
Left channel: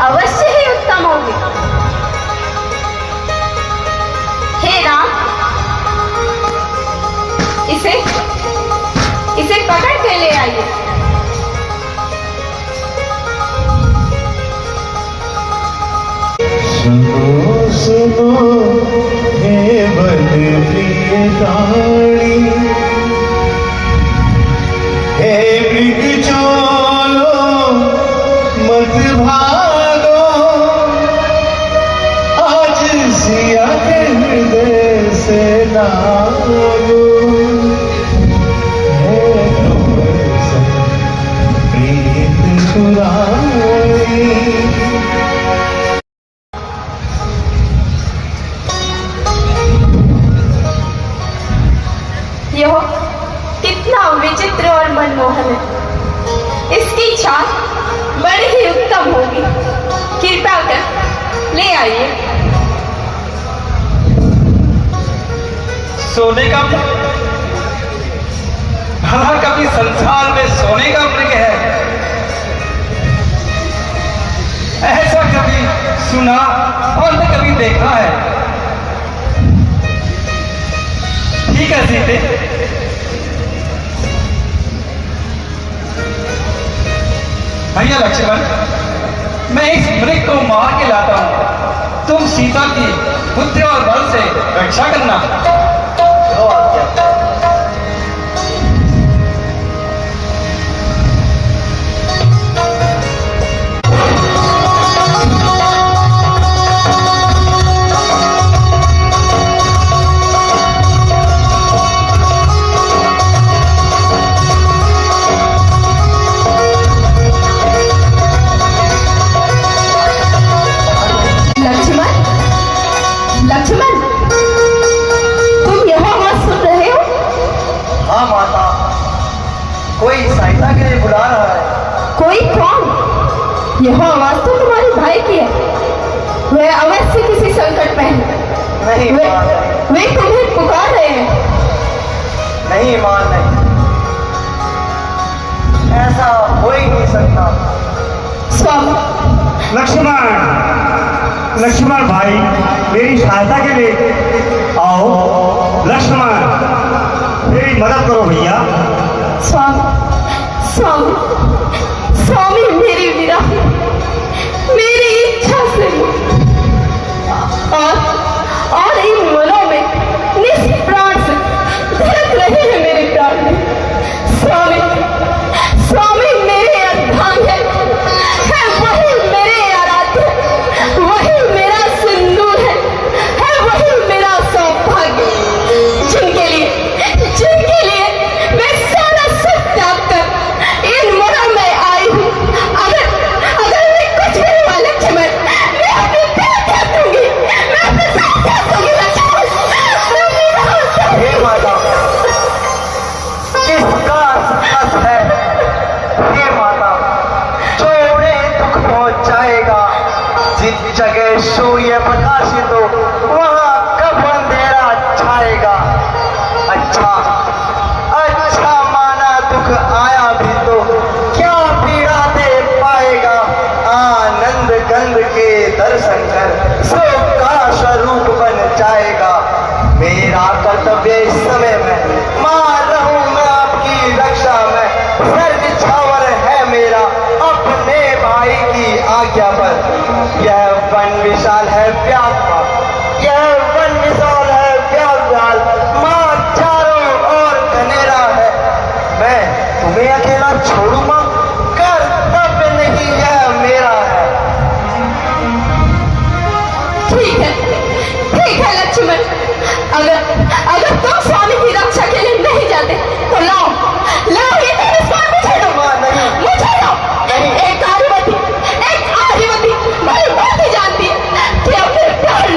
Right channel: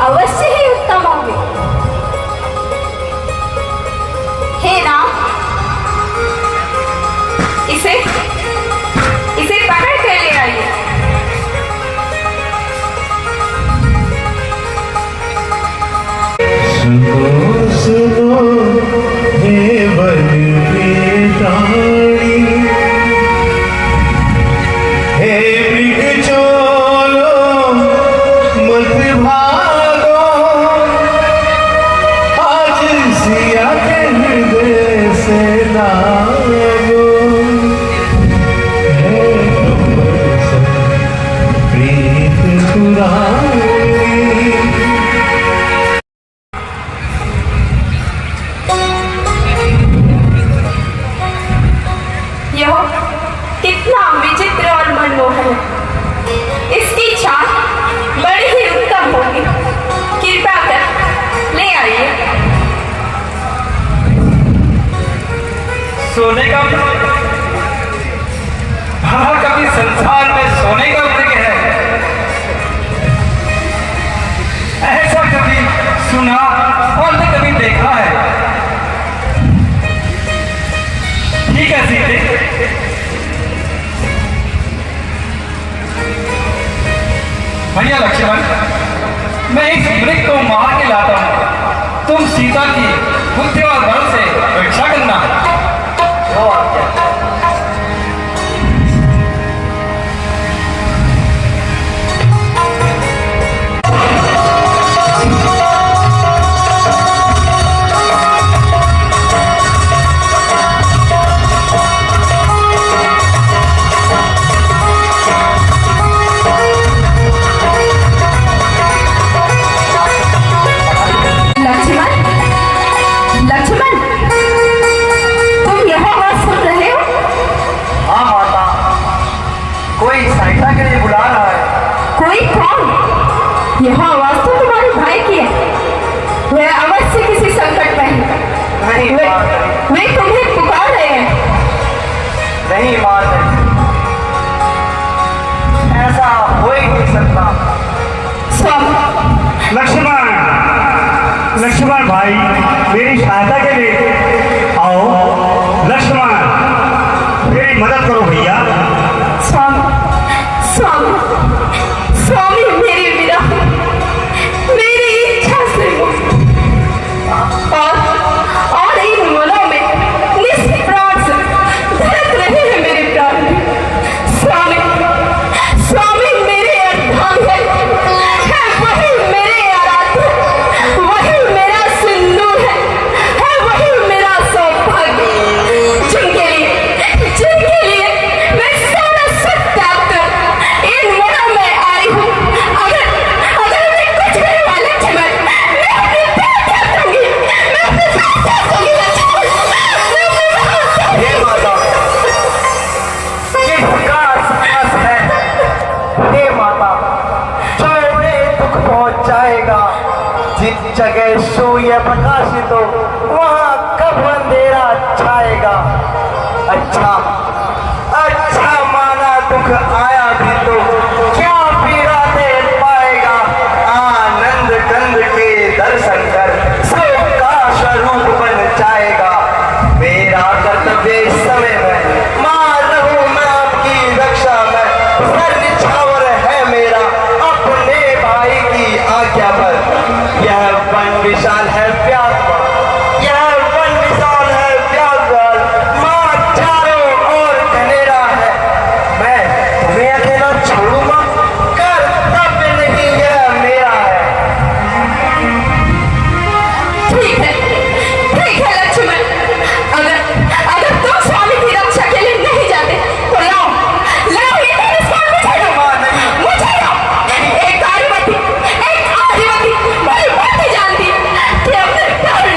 अवश्य ही उत्तम होगी। हे राम, इसे पकड़ के ले आइए। सुनो हे वन प्रियताणी, हे मृग चलो मत भागो, आज सिया के हृदय से लागो। यह कितना विचित्र और मनमोहन है। इसकी छाप बड़ी ही उत्तम होगी। कृपया कर ले आइए। सोने का हाँ, कभी संसार में सोने का वृक्ष है, ऐसा कभी सुना और न कभी देखा है। ठीक है सीते, भैया लक्ष्मण, मैं इस वृक्ष को मार के लाता हूं। तुम सीता की बुद्धि और बल से रक्षा करना। वो आज्ञा। लक्ष्मण, तुम यहाँ बात सुन रहे हो? हाँ माता, कोई सहायता के लिए बुला रहा है। कोई कौन? यह आवाज तो तुम्हारे भाई की है। वह अवश्य किसी संकट में है। नहीं वे तुम्हें पुकार रहे हैं। नहीं मां, नहीं, ऐसा हो ही नहीं सकता। स्वामी लक्ष्मण भाई, मेरी सहायता के लिए आओ। लक्ष्मण, मेरी मदद करो भैया। स्वामी मेरी विदा, मेरी इच्छा से और इन मनों में निष्प्राण से धड़क रहे हैं मेरे प्राण। स्वामी मेरे अर्धांग है वही मेरे आराध्य, वही मेरा सिंदूर है वही मेरा सौभाग्य, जिनके लिए मैं सारा सब त्याग कर इन मनों में आई हूँ। अगर मैं कुछ भी हुआ लक्ष्मण, मैं अपनी प्राण त्याग दूंगी। मैं अपनी प्राण त्याग दूंगी लक्ष्मण। हे माता, किसका साहस है? हे माता, जो में दुख पहुंचाएगा, जिस जगह सूर्य प्रकाशित हो वहां कब अंधेरा छाएगा। अच्छा माना दुख आया भी तो क्या पीड़ा दे पाएगा। आनंद गंध के दर्शन कर सब का स्वरूप बन जाएगा। मेरा कर्तव्य इस समय में मां रहूं मैं आपकी रक्षा में। सर्व छावर है मेरा अपने भाई की आज्ञा पर। यह वन विशाल है व्यापक, यह वन विशाल है व्यापक। मां चारों ओर घनेरा है, मैं तुम्हें अकेला छोड़ूंगा? कर्तव्य नहीं, यह मेरा है। ठीक है लक्ष्मण, अगर तुम स्वामी की रक्षा के लिए नहीं जाते तो लाओ ये धनुष मुझे दो। मां नहीं, मुझे दो। एक आदिवासी भली भांति जानती है कि अपने प्यार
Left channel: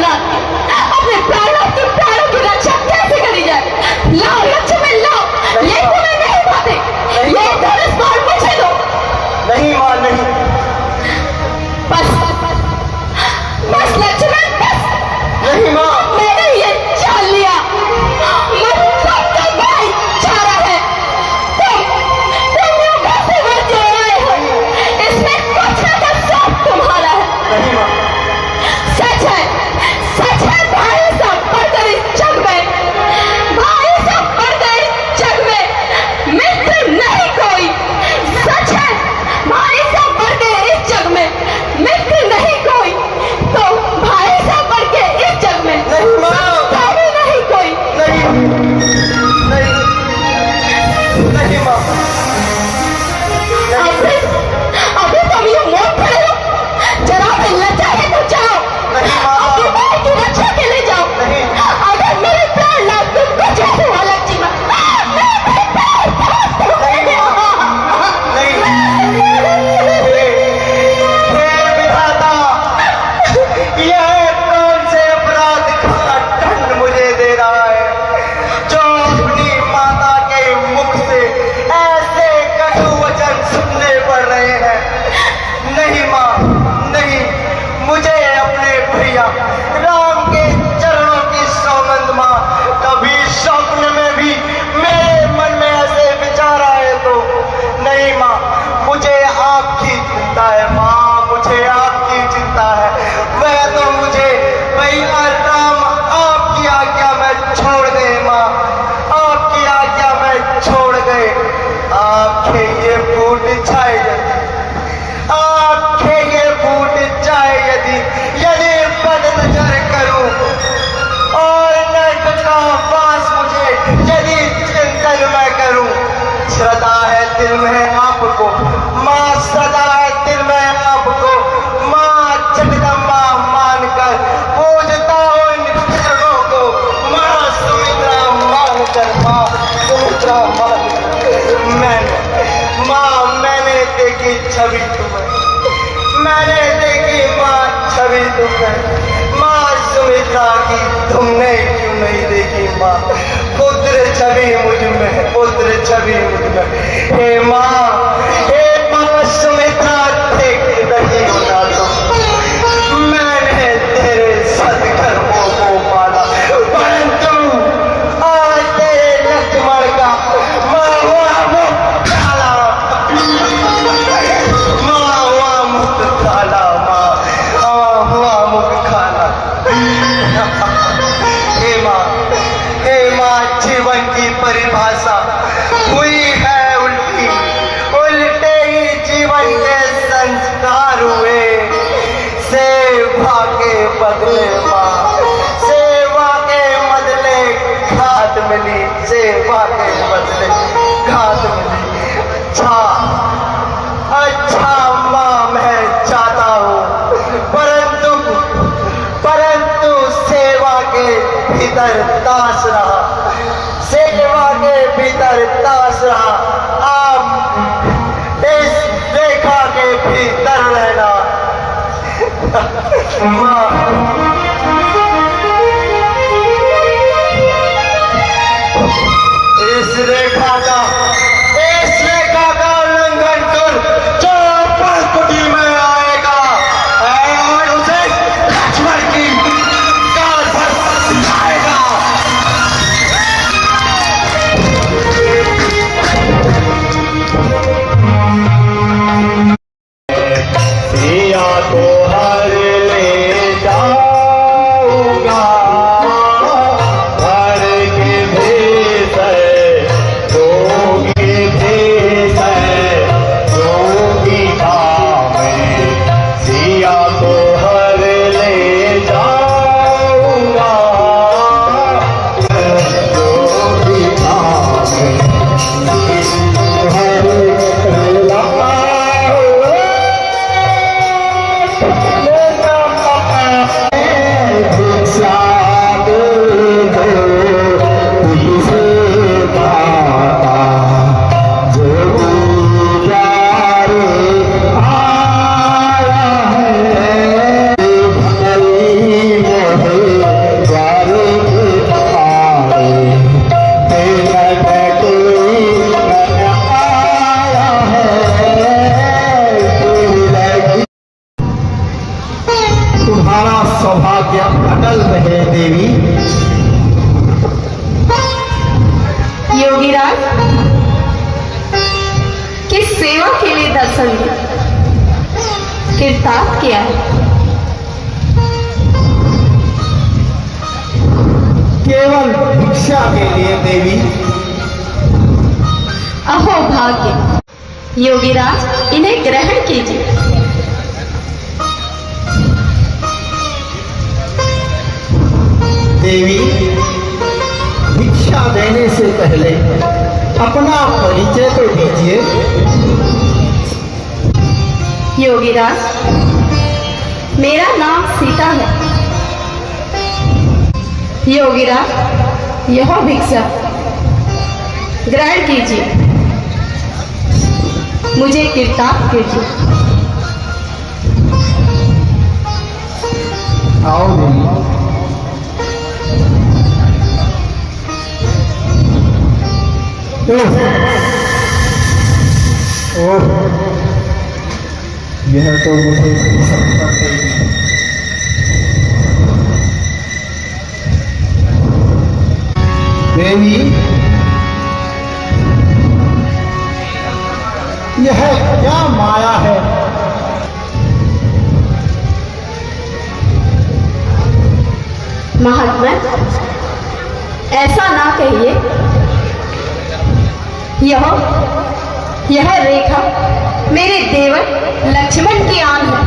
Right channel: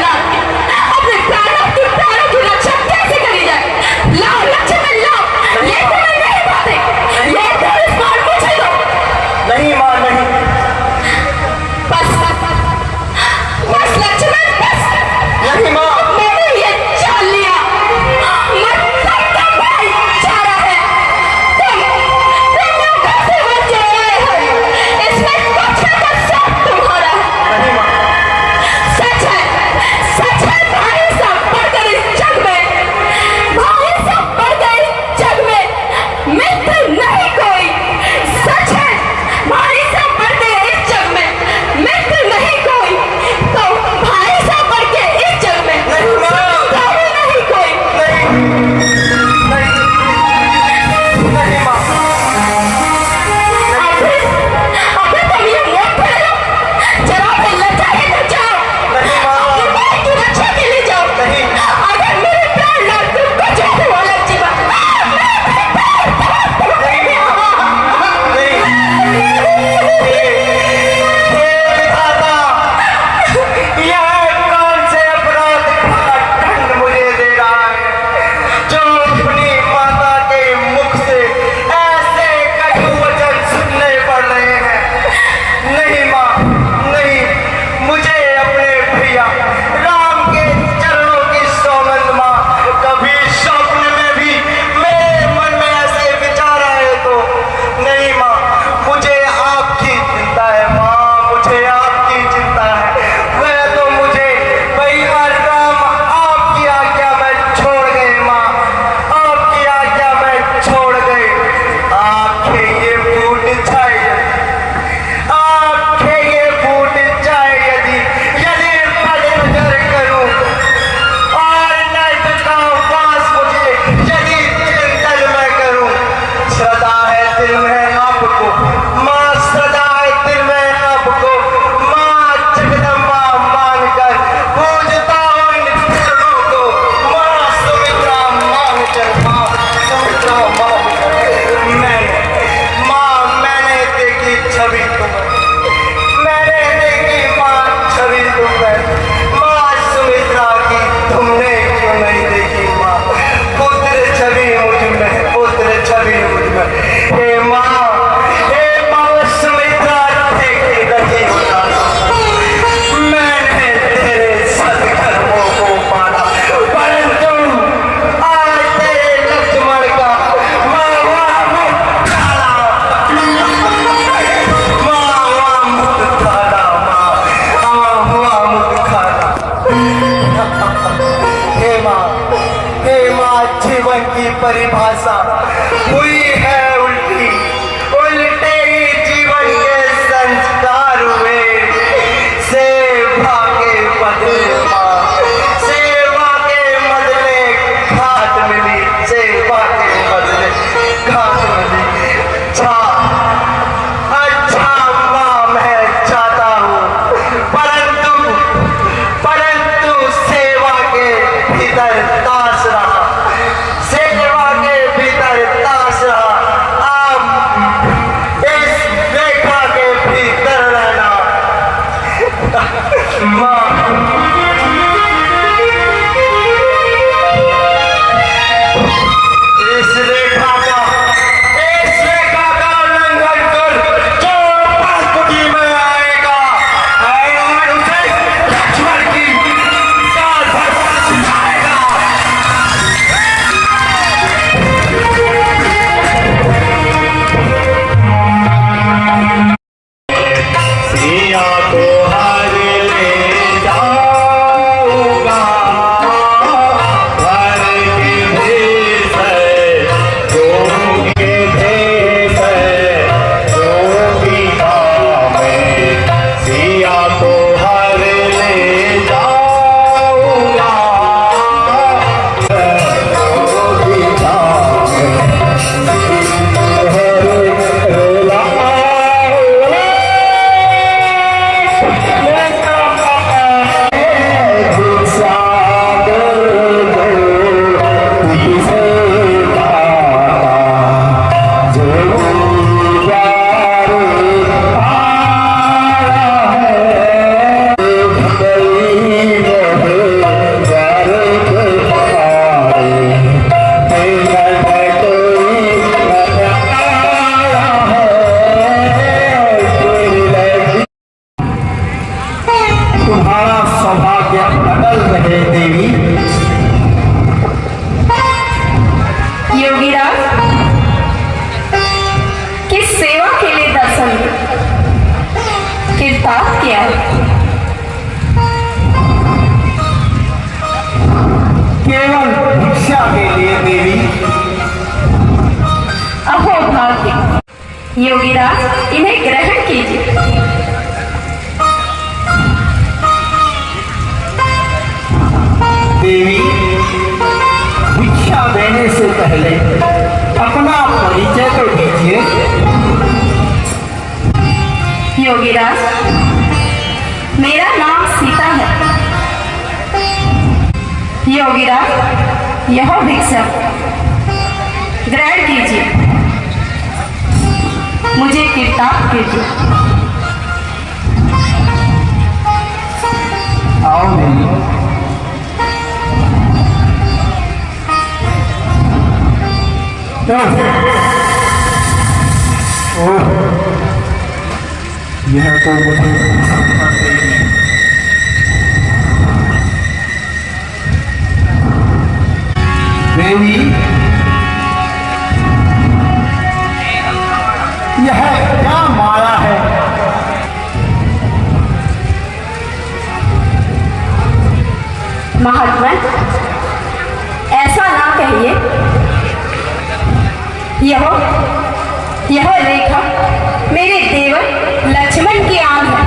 दिल में आपको, माँ सदा दिल में आपको, माँ जगदम्बा मानकर पूजता हूँ इन चरणों को, माँ सुमित्रा मानकर, माँ सुमित्रा मैंने देखी छवि तुम, मैंने देखी माँ छवि तुम, माँ सुमित्रा की तुमने क्यों नहीं देखी माँ, पुत्र छवि मुझ में, पुत्र छवि मुझ में, हे माँ सुमित्रा देखी नहीं क्या तुम, मैंने तेरे सदकर्मों को पाला, परंतु आज तेरे लक्ष्मण का जीवन की परिभाषा हुई है उल्टी, उल्टे ही जीवन के संस्कार हुए, सेवा के बदले माँ, सेवा के बदले घाट मिली, सेवा के बदले घाट मिली। अच्छा माँ मैं चाहता हूँ, परंतु सेवा के भीतर दास रहा, सेवा के भीतर दास रहा, आप इस रेखा के भीतर रहना। माँ इस रेखा का उल्लंघन कर जो पंक्ति में आएगा और उसे लक्ष्मण की सिखाएगा। सिया को हर ले जाऊंगा, घर के भेष जोगी भेष जोगी धाम, सिया को हर ले जाऊंगा, जोगी धाम, तुम्हारा सौभाग्य अटल रहे देवी। योगीराज किस सेवा के लिए दर्शन किरदार किया, केवल भिक्षा के लिए देवी। अहो भाग्य, योगीराज इन्हें ग्रहण कीजिए। देवी भिक्षा देने से पहले अपना परिचय तो दीजिए। योगीराज मेरा नाम सीता है। योगीराज यह भिक्षा ग्रहण कीजिए, मुझे किरदार कीजिए। आओ देवी। यह तो मुझे सपना देगी। देवी यह क्या माया है? महात्मा ऐसा ना कहिए, यह रेखा मेरे देव लक्ष्मण की आन है।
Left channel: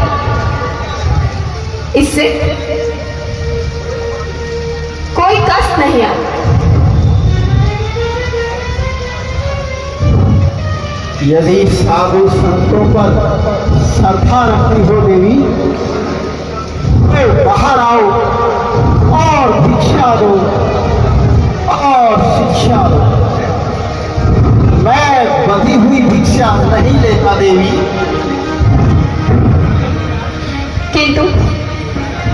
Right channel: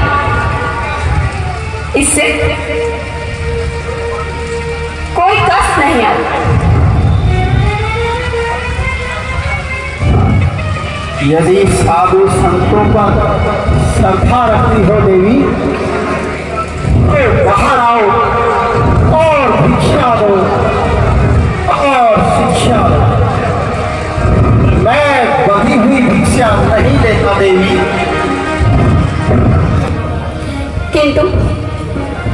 इससे कोई कष्ट नहीं आता। यदि साधु संतों पर श्रद्धा रखती हो देवी तो बाहर आओ और भिक्षा दो और शिक्षा दो। मैं बधी हुई भिक्षा नहीं लेता देवी।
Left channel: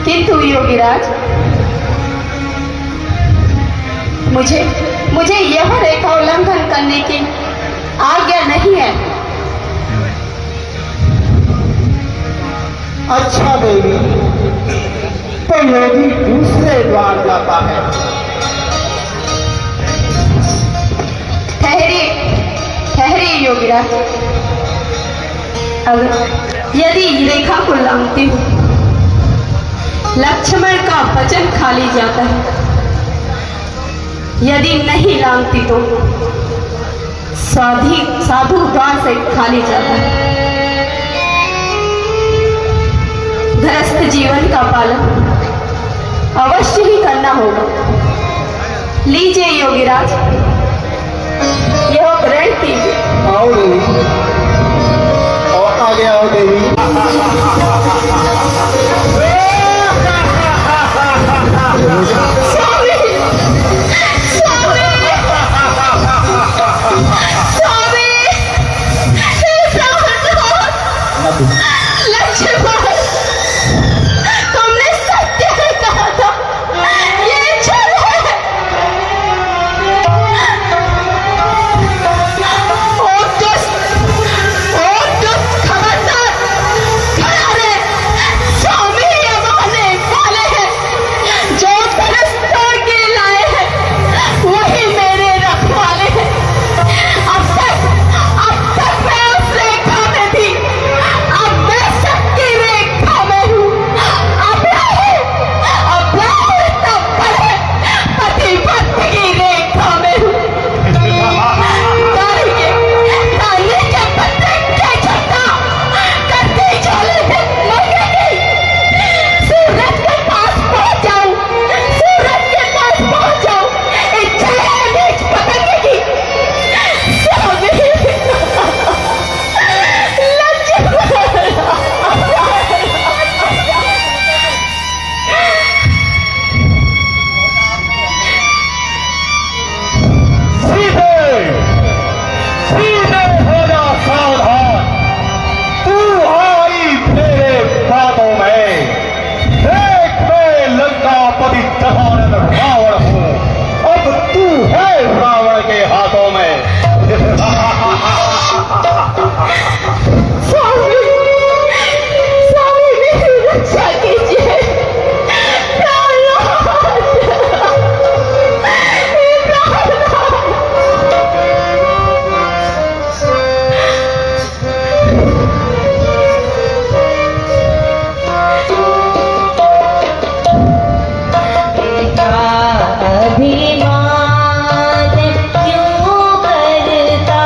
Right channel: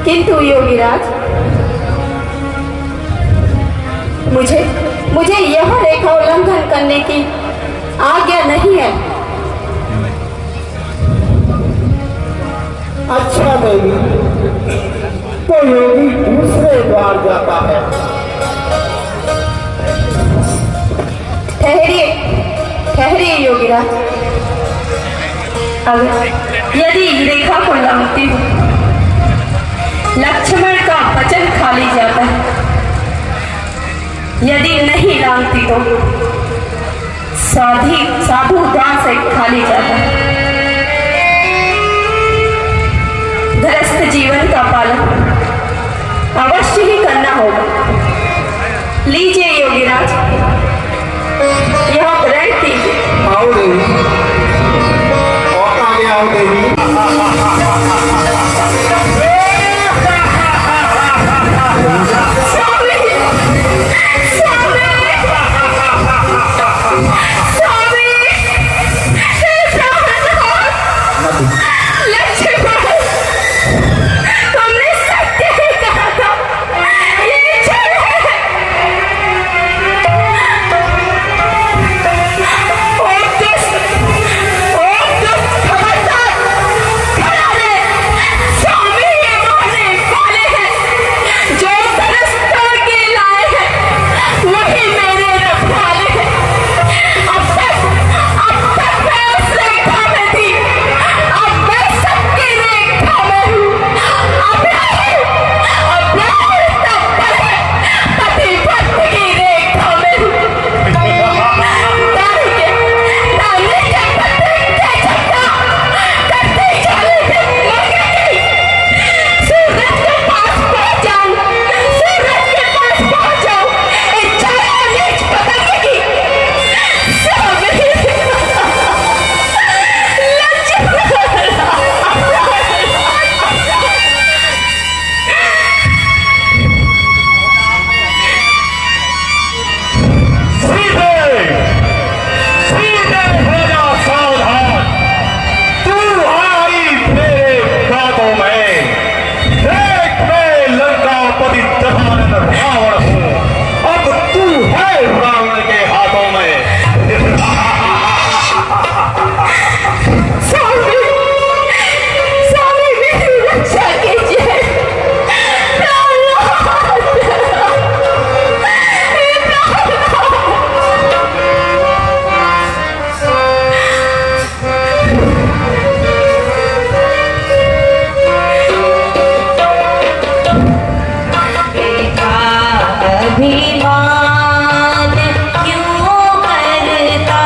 किंतु योगीराज, मुझे यह रेखा उल्लंघन करने की आज्ञा नहीं है। अच्छा देवी, तो योगी दूसरे द्वार जाता है। ठहरिए योगीराज, अगर यदि रेखा को लंघती हूँ, लक्ष्मण का वचन खाली जाता है, यदि नहीं लांघती तो साधु द्वार से खाली जाता है। गृहस्थ जीवन का पालन अवश्य ही करना होगा। लीजिए योगीराज, यह ग्रहण कीजिए। आओ देवी, और आगे आओ देवी। अभिमान क्यों करता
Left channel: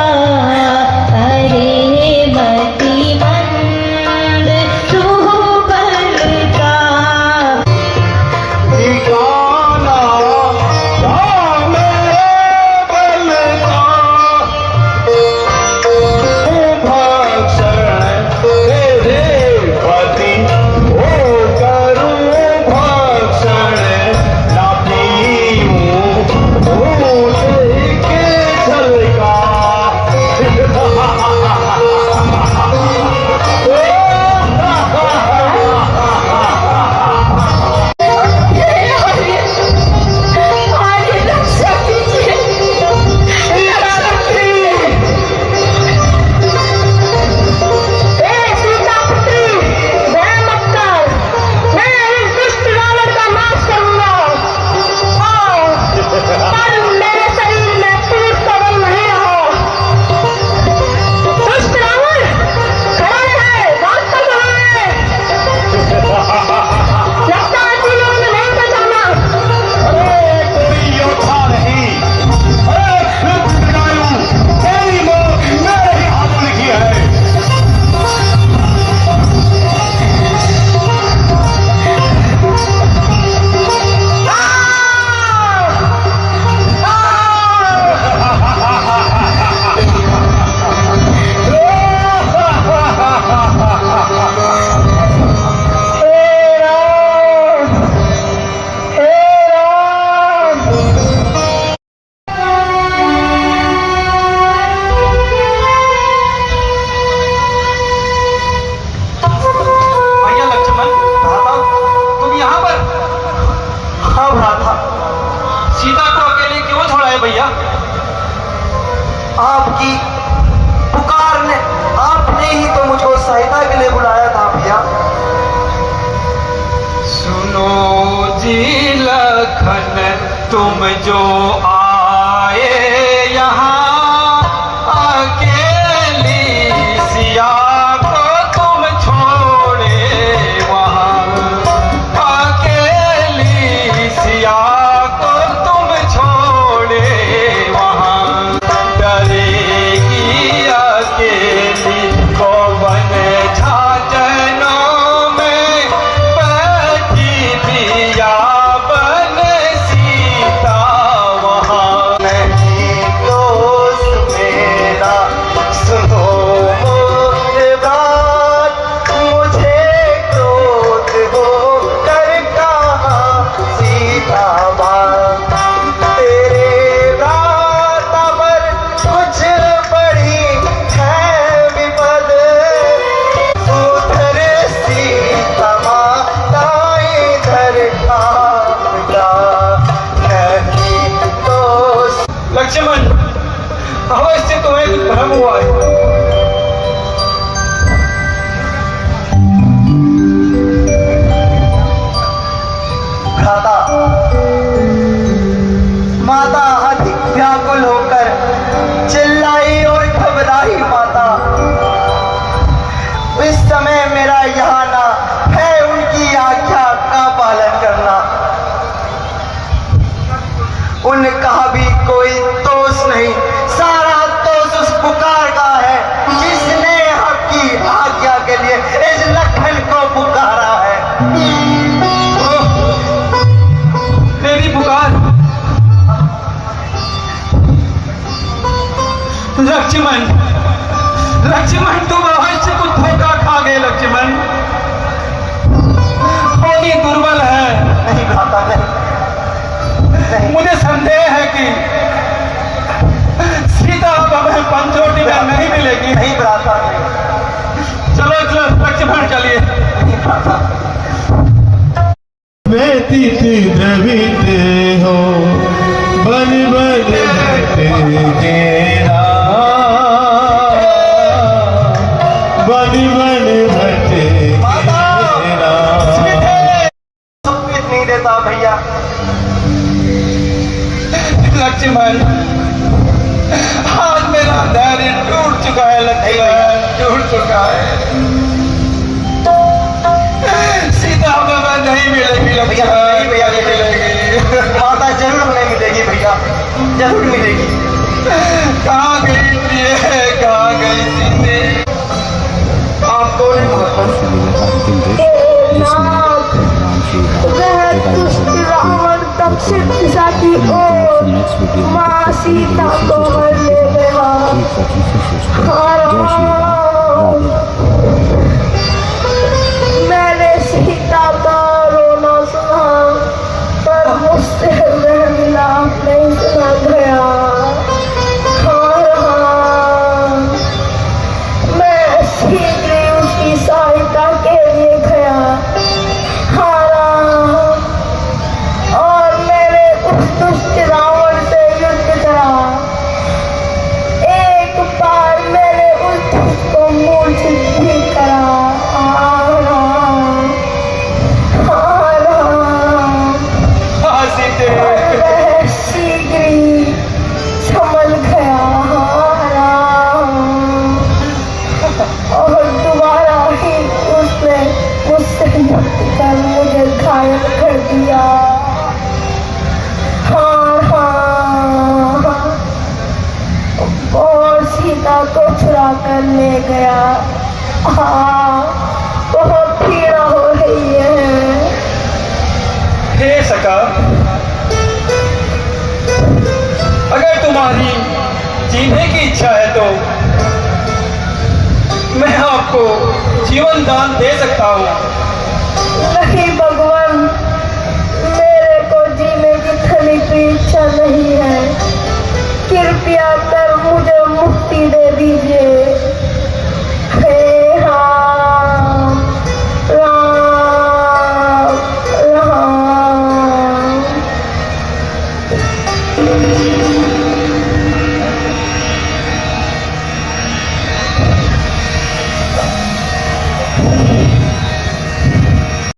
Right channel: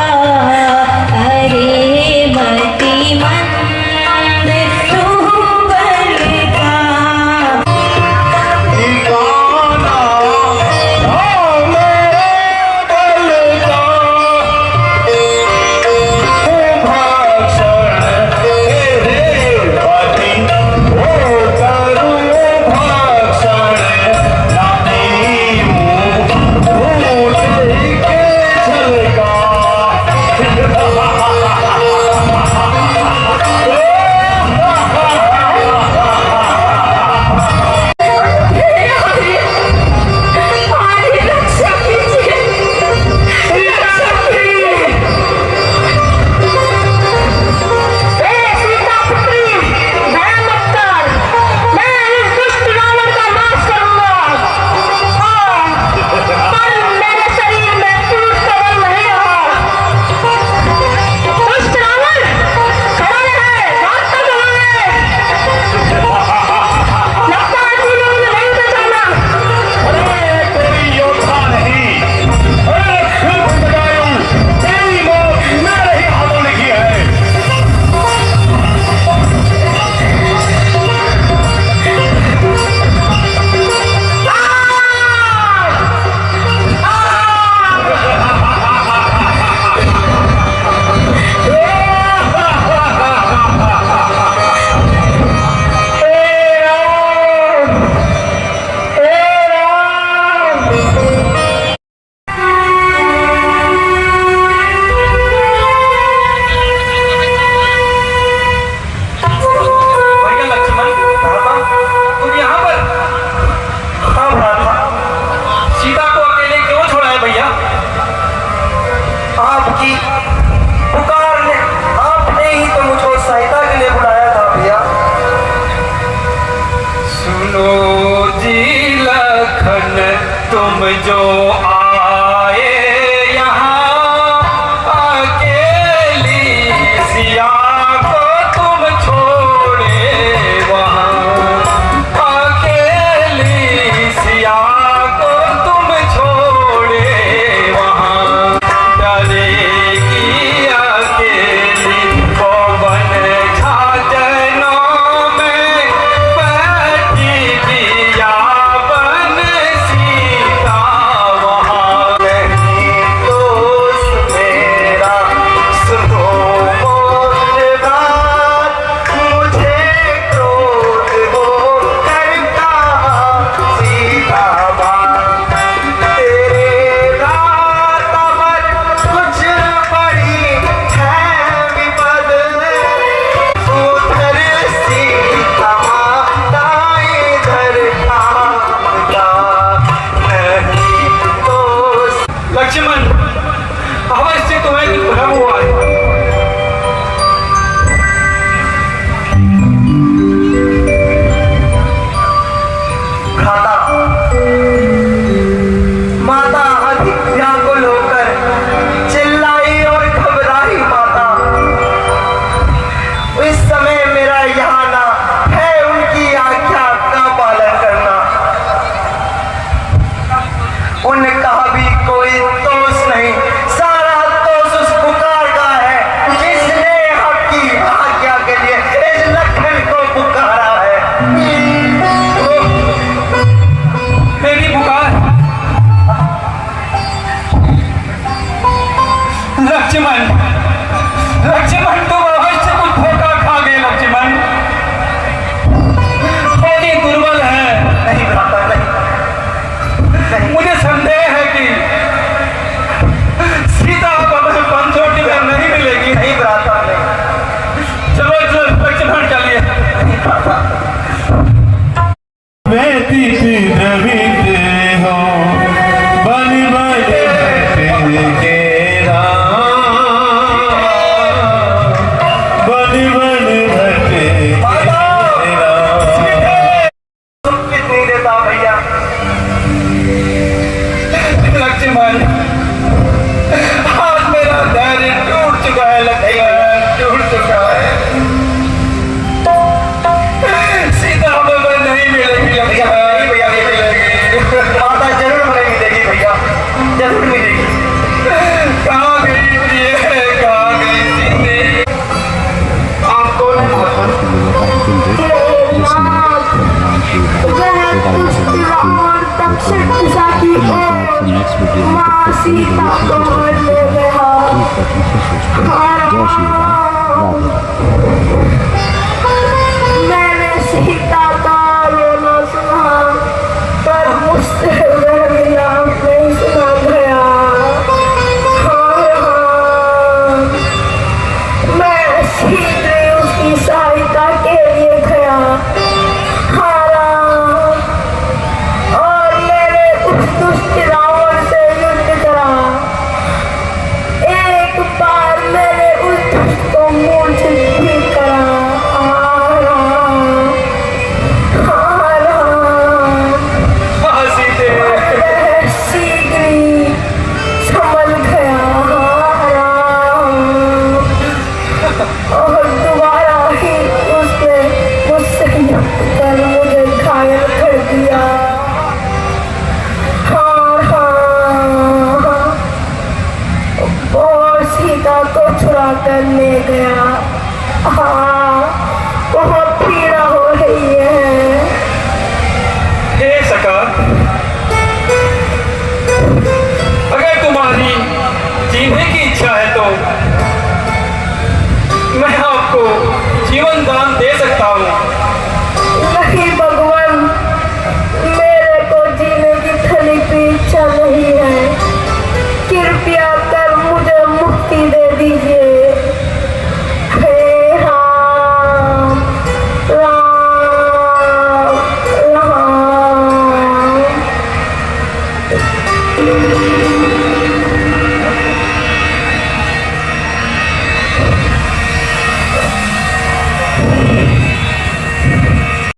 आपकी पुकार ने, आपने ही तो मुझको सहायता के लिए बुलाया था भैया। सुनो जी लखन, तुम जो आए यहाँ अकेली, सिया को तुम छोड़े वहाँ, अकेली सिया को तुम छोड़े वहाँ, डरेगी अकेली पवन झांझनों में बैठी दिया बन सीता वहाँ। नहीं दोस्त मेरा सुनो मोर बात, मुझे क्रोध हो कर कहा सीता बात। तेरे रात अमर कुछ बड़ी है विपद, उधर सीता माता इधर आपदा। नहीं दोस्त लक्ष्मण, अवश्य तुम्हें कुछ भ्रम हुआ है। खाता माता अधिक व्याकुल होकर चिल्लाई और घबराई माता। इस समय मेरा यहाँ ना है उनकी आज्ञा का पालन करना। उनने कहा भी कोई दोष नहीं, सारा दोष उस पुकार का है जिसने आपकी आज्ञा के लिए इस लखन को पुकारा है। मेरी पुकार लक्ष्मण, लक्ष्मण तुम अवश्य कुछ धोखा खा गए लक्ष्मण, थोड़ी दुर्बल है। नहीं खाता, नहीं। मुझे संदेह है कि सीता तुम्हें पंचोटी में नहीं मिलेगी। नहीं भ्राता, नहीं। चलो चलो लक्ष्मण चलिए। नहीं भ्राता। व्यतीत द्रवित हो बन बन तेरा, बन बन माता, तेरा। कुछ नहीं देता भैया। लक्ष्मण, आज मेरा धैर्य टूट चुका है लक्ष्मण, टूट चुका है। सीता बाबा नहीं मिलेगी लक्ष्मण, भैया, नहीं मिलेगी। माता जरूर मिलेगी, देगी भैया, जरूर मिलेगी। कहाँ गई ये, कहाँ गई सीते? आपको वीडियो का अंतिम दृश्य जिसमें राम श्री राम से नेक्स्ट वीडियो में कीप वॉचिंग सिस्टर। जय श्री राम, राधे राधे। मैंने सीता का रोना सुना, पर मुझसे वह मिलाप नहीं सुना गया। हाँ, मैं शीघ्र उसकी सहायता के लिए गया। हाँ, और मैंने उस दुष्ट रावण से युद्ध करा। एक बार मैंने उस दुष्ट को मूर्छित भी करा। हाँ सीते, मैं शीघ्र ही संभल गया। और दोबारा ही उसने मुझसे युद्ध कर मुझे घायल कर दिया। और सीता को चुरा कर ले गया। हाँ, बहुत पीड़ा हो रही है। हे सका, अगर तुम्हारी जीने की इच्छा है तो मैं आपको जीवन दान दे सकता हूँ। नहीं भगवान, मेरे को जीने की थली की इच्छा नहीं है। कृपया कर मुझे मुक्ति दे दीजिए। हे राम, राम, राम।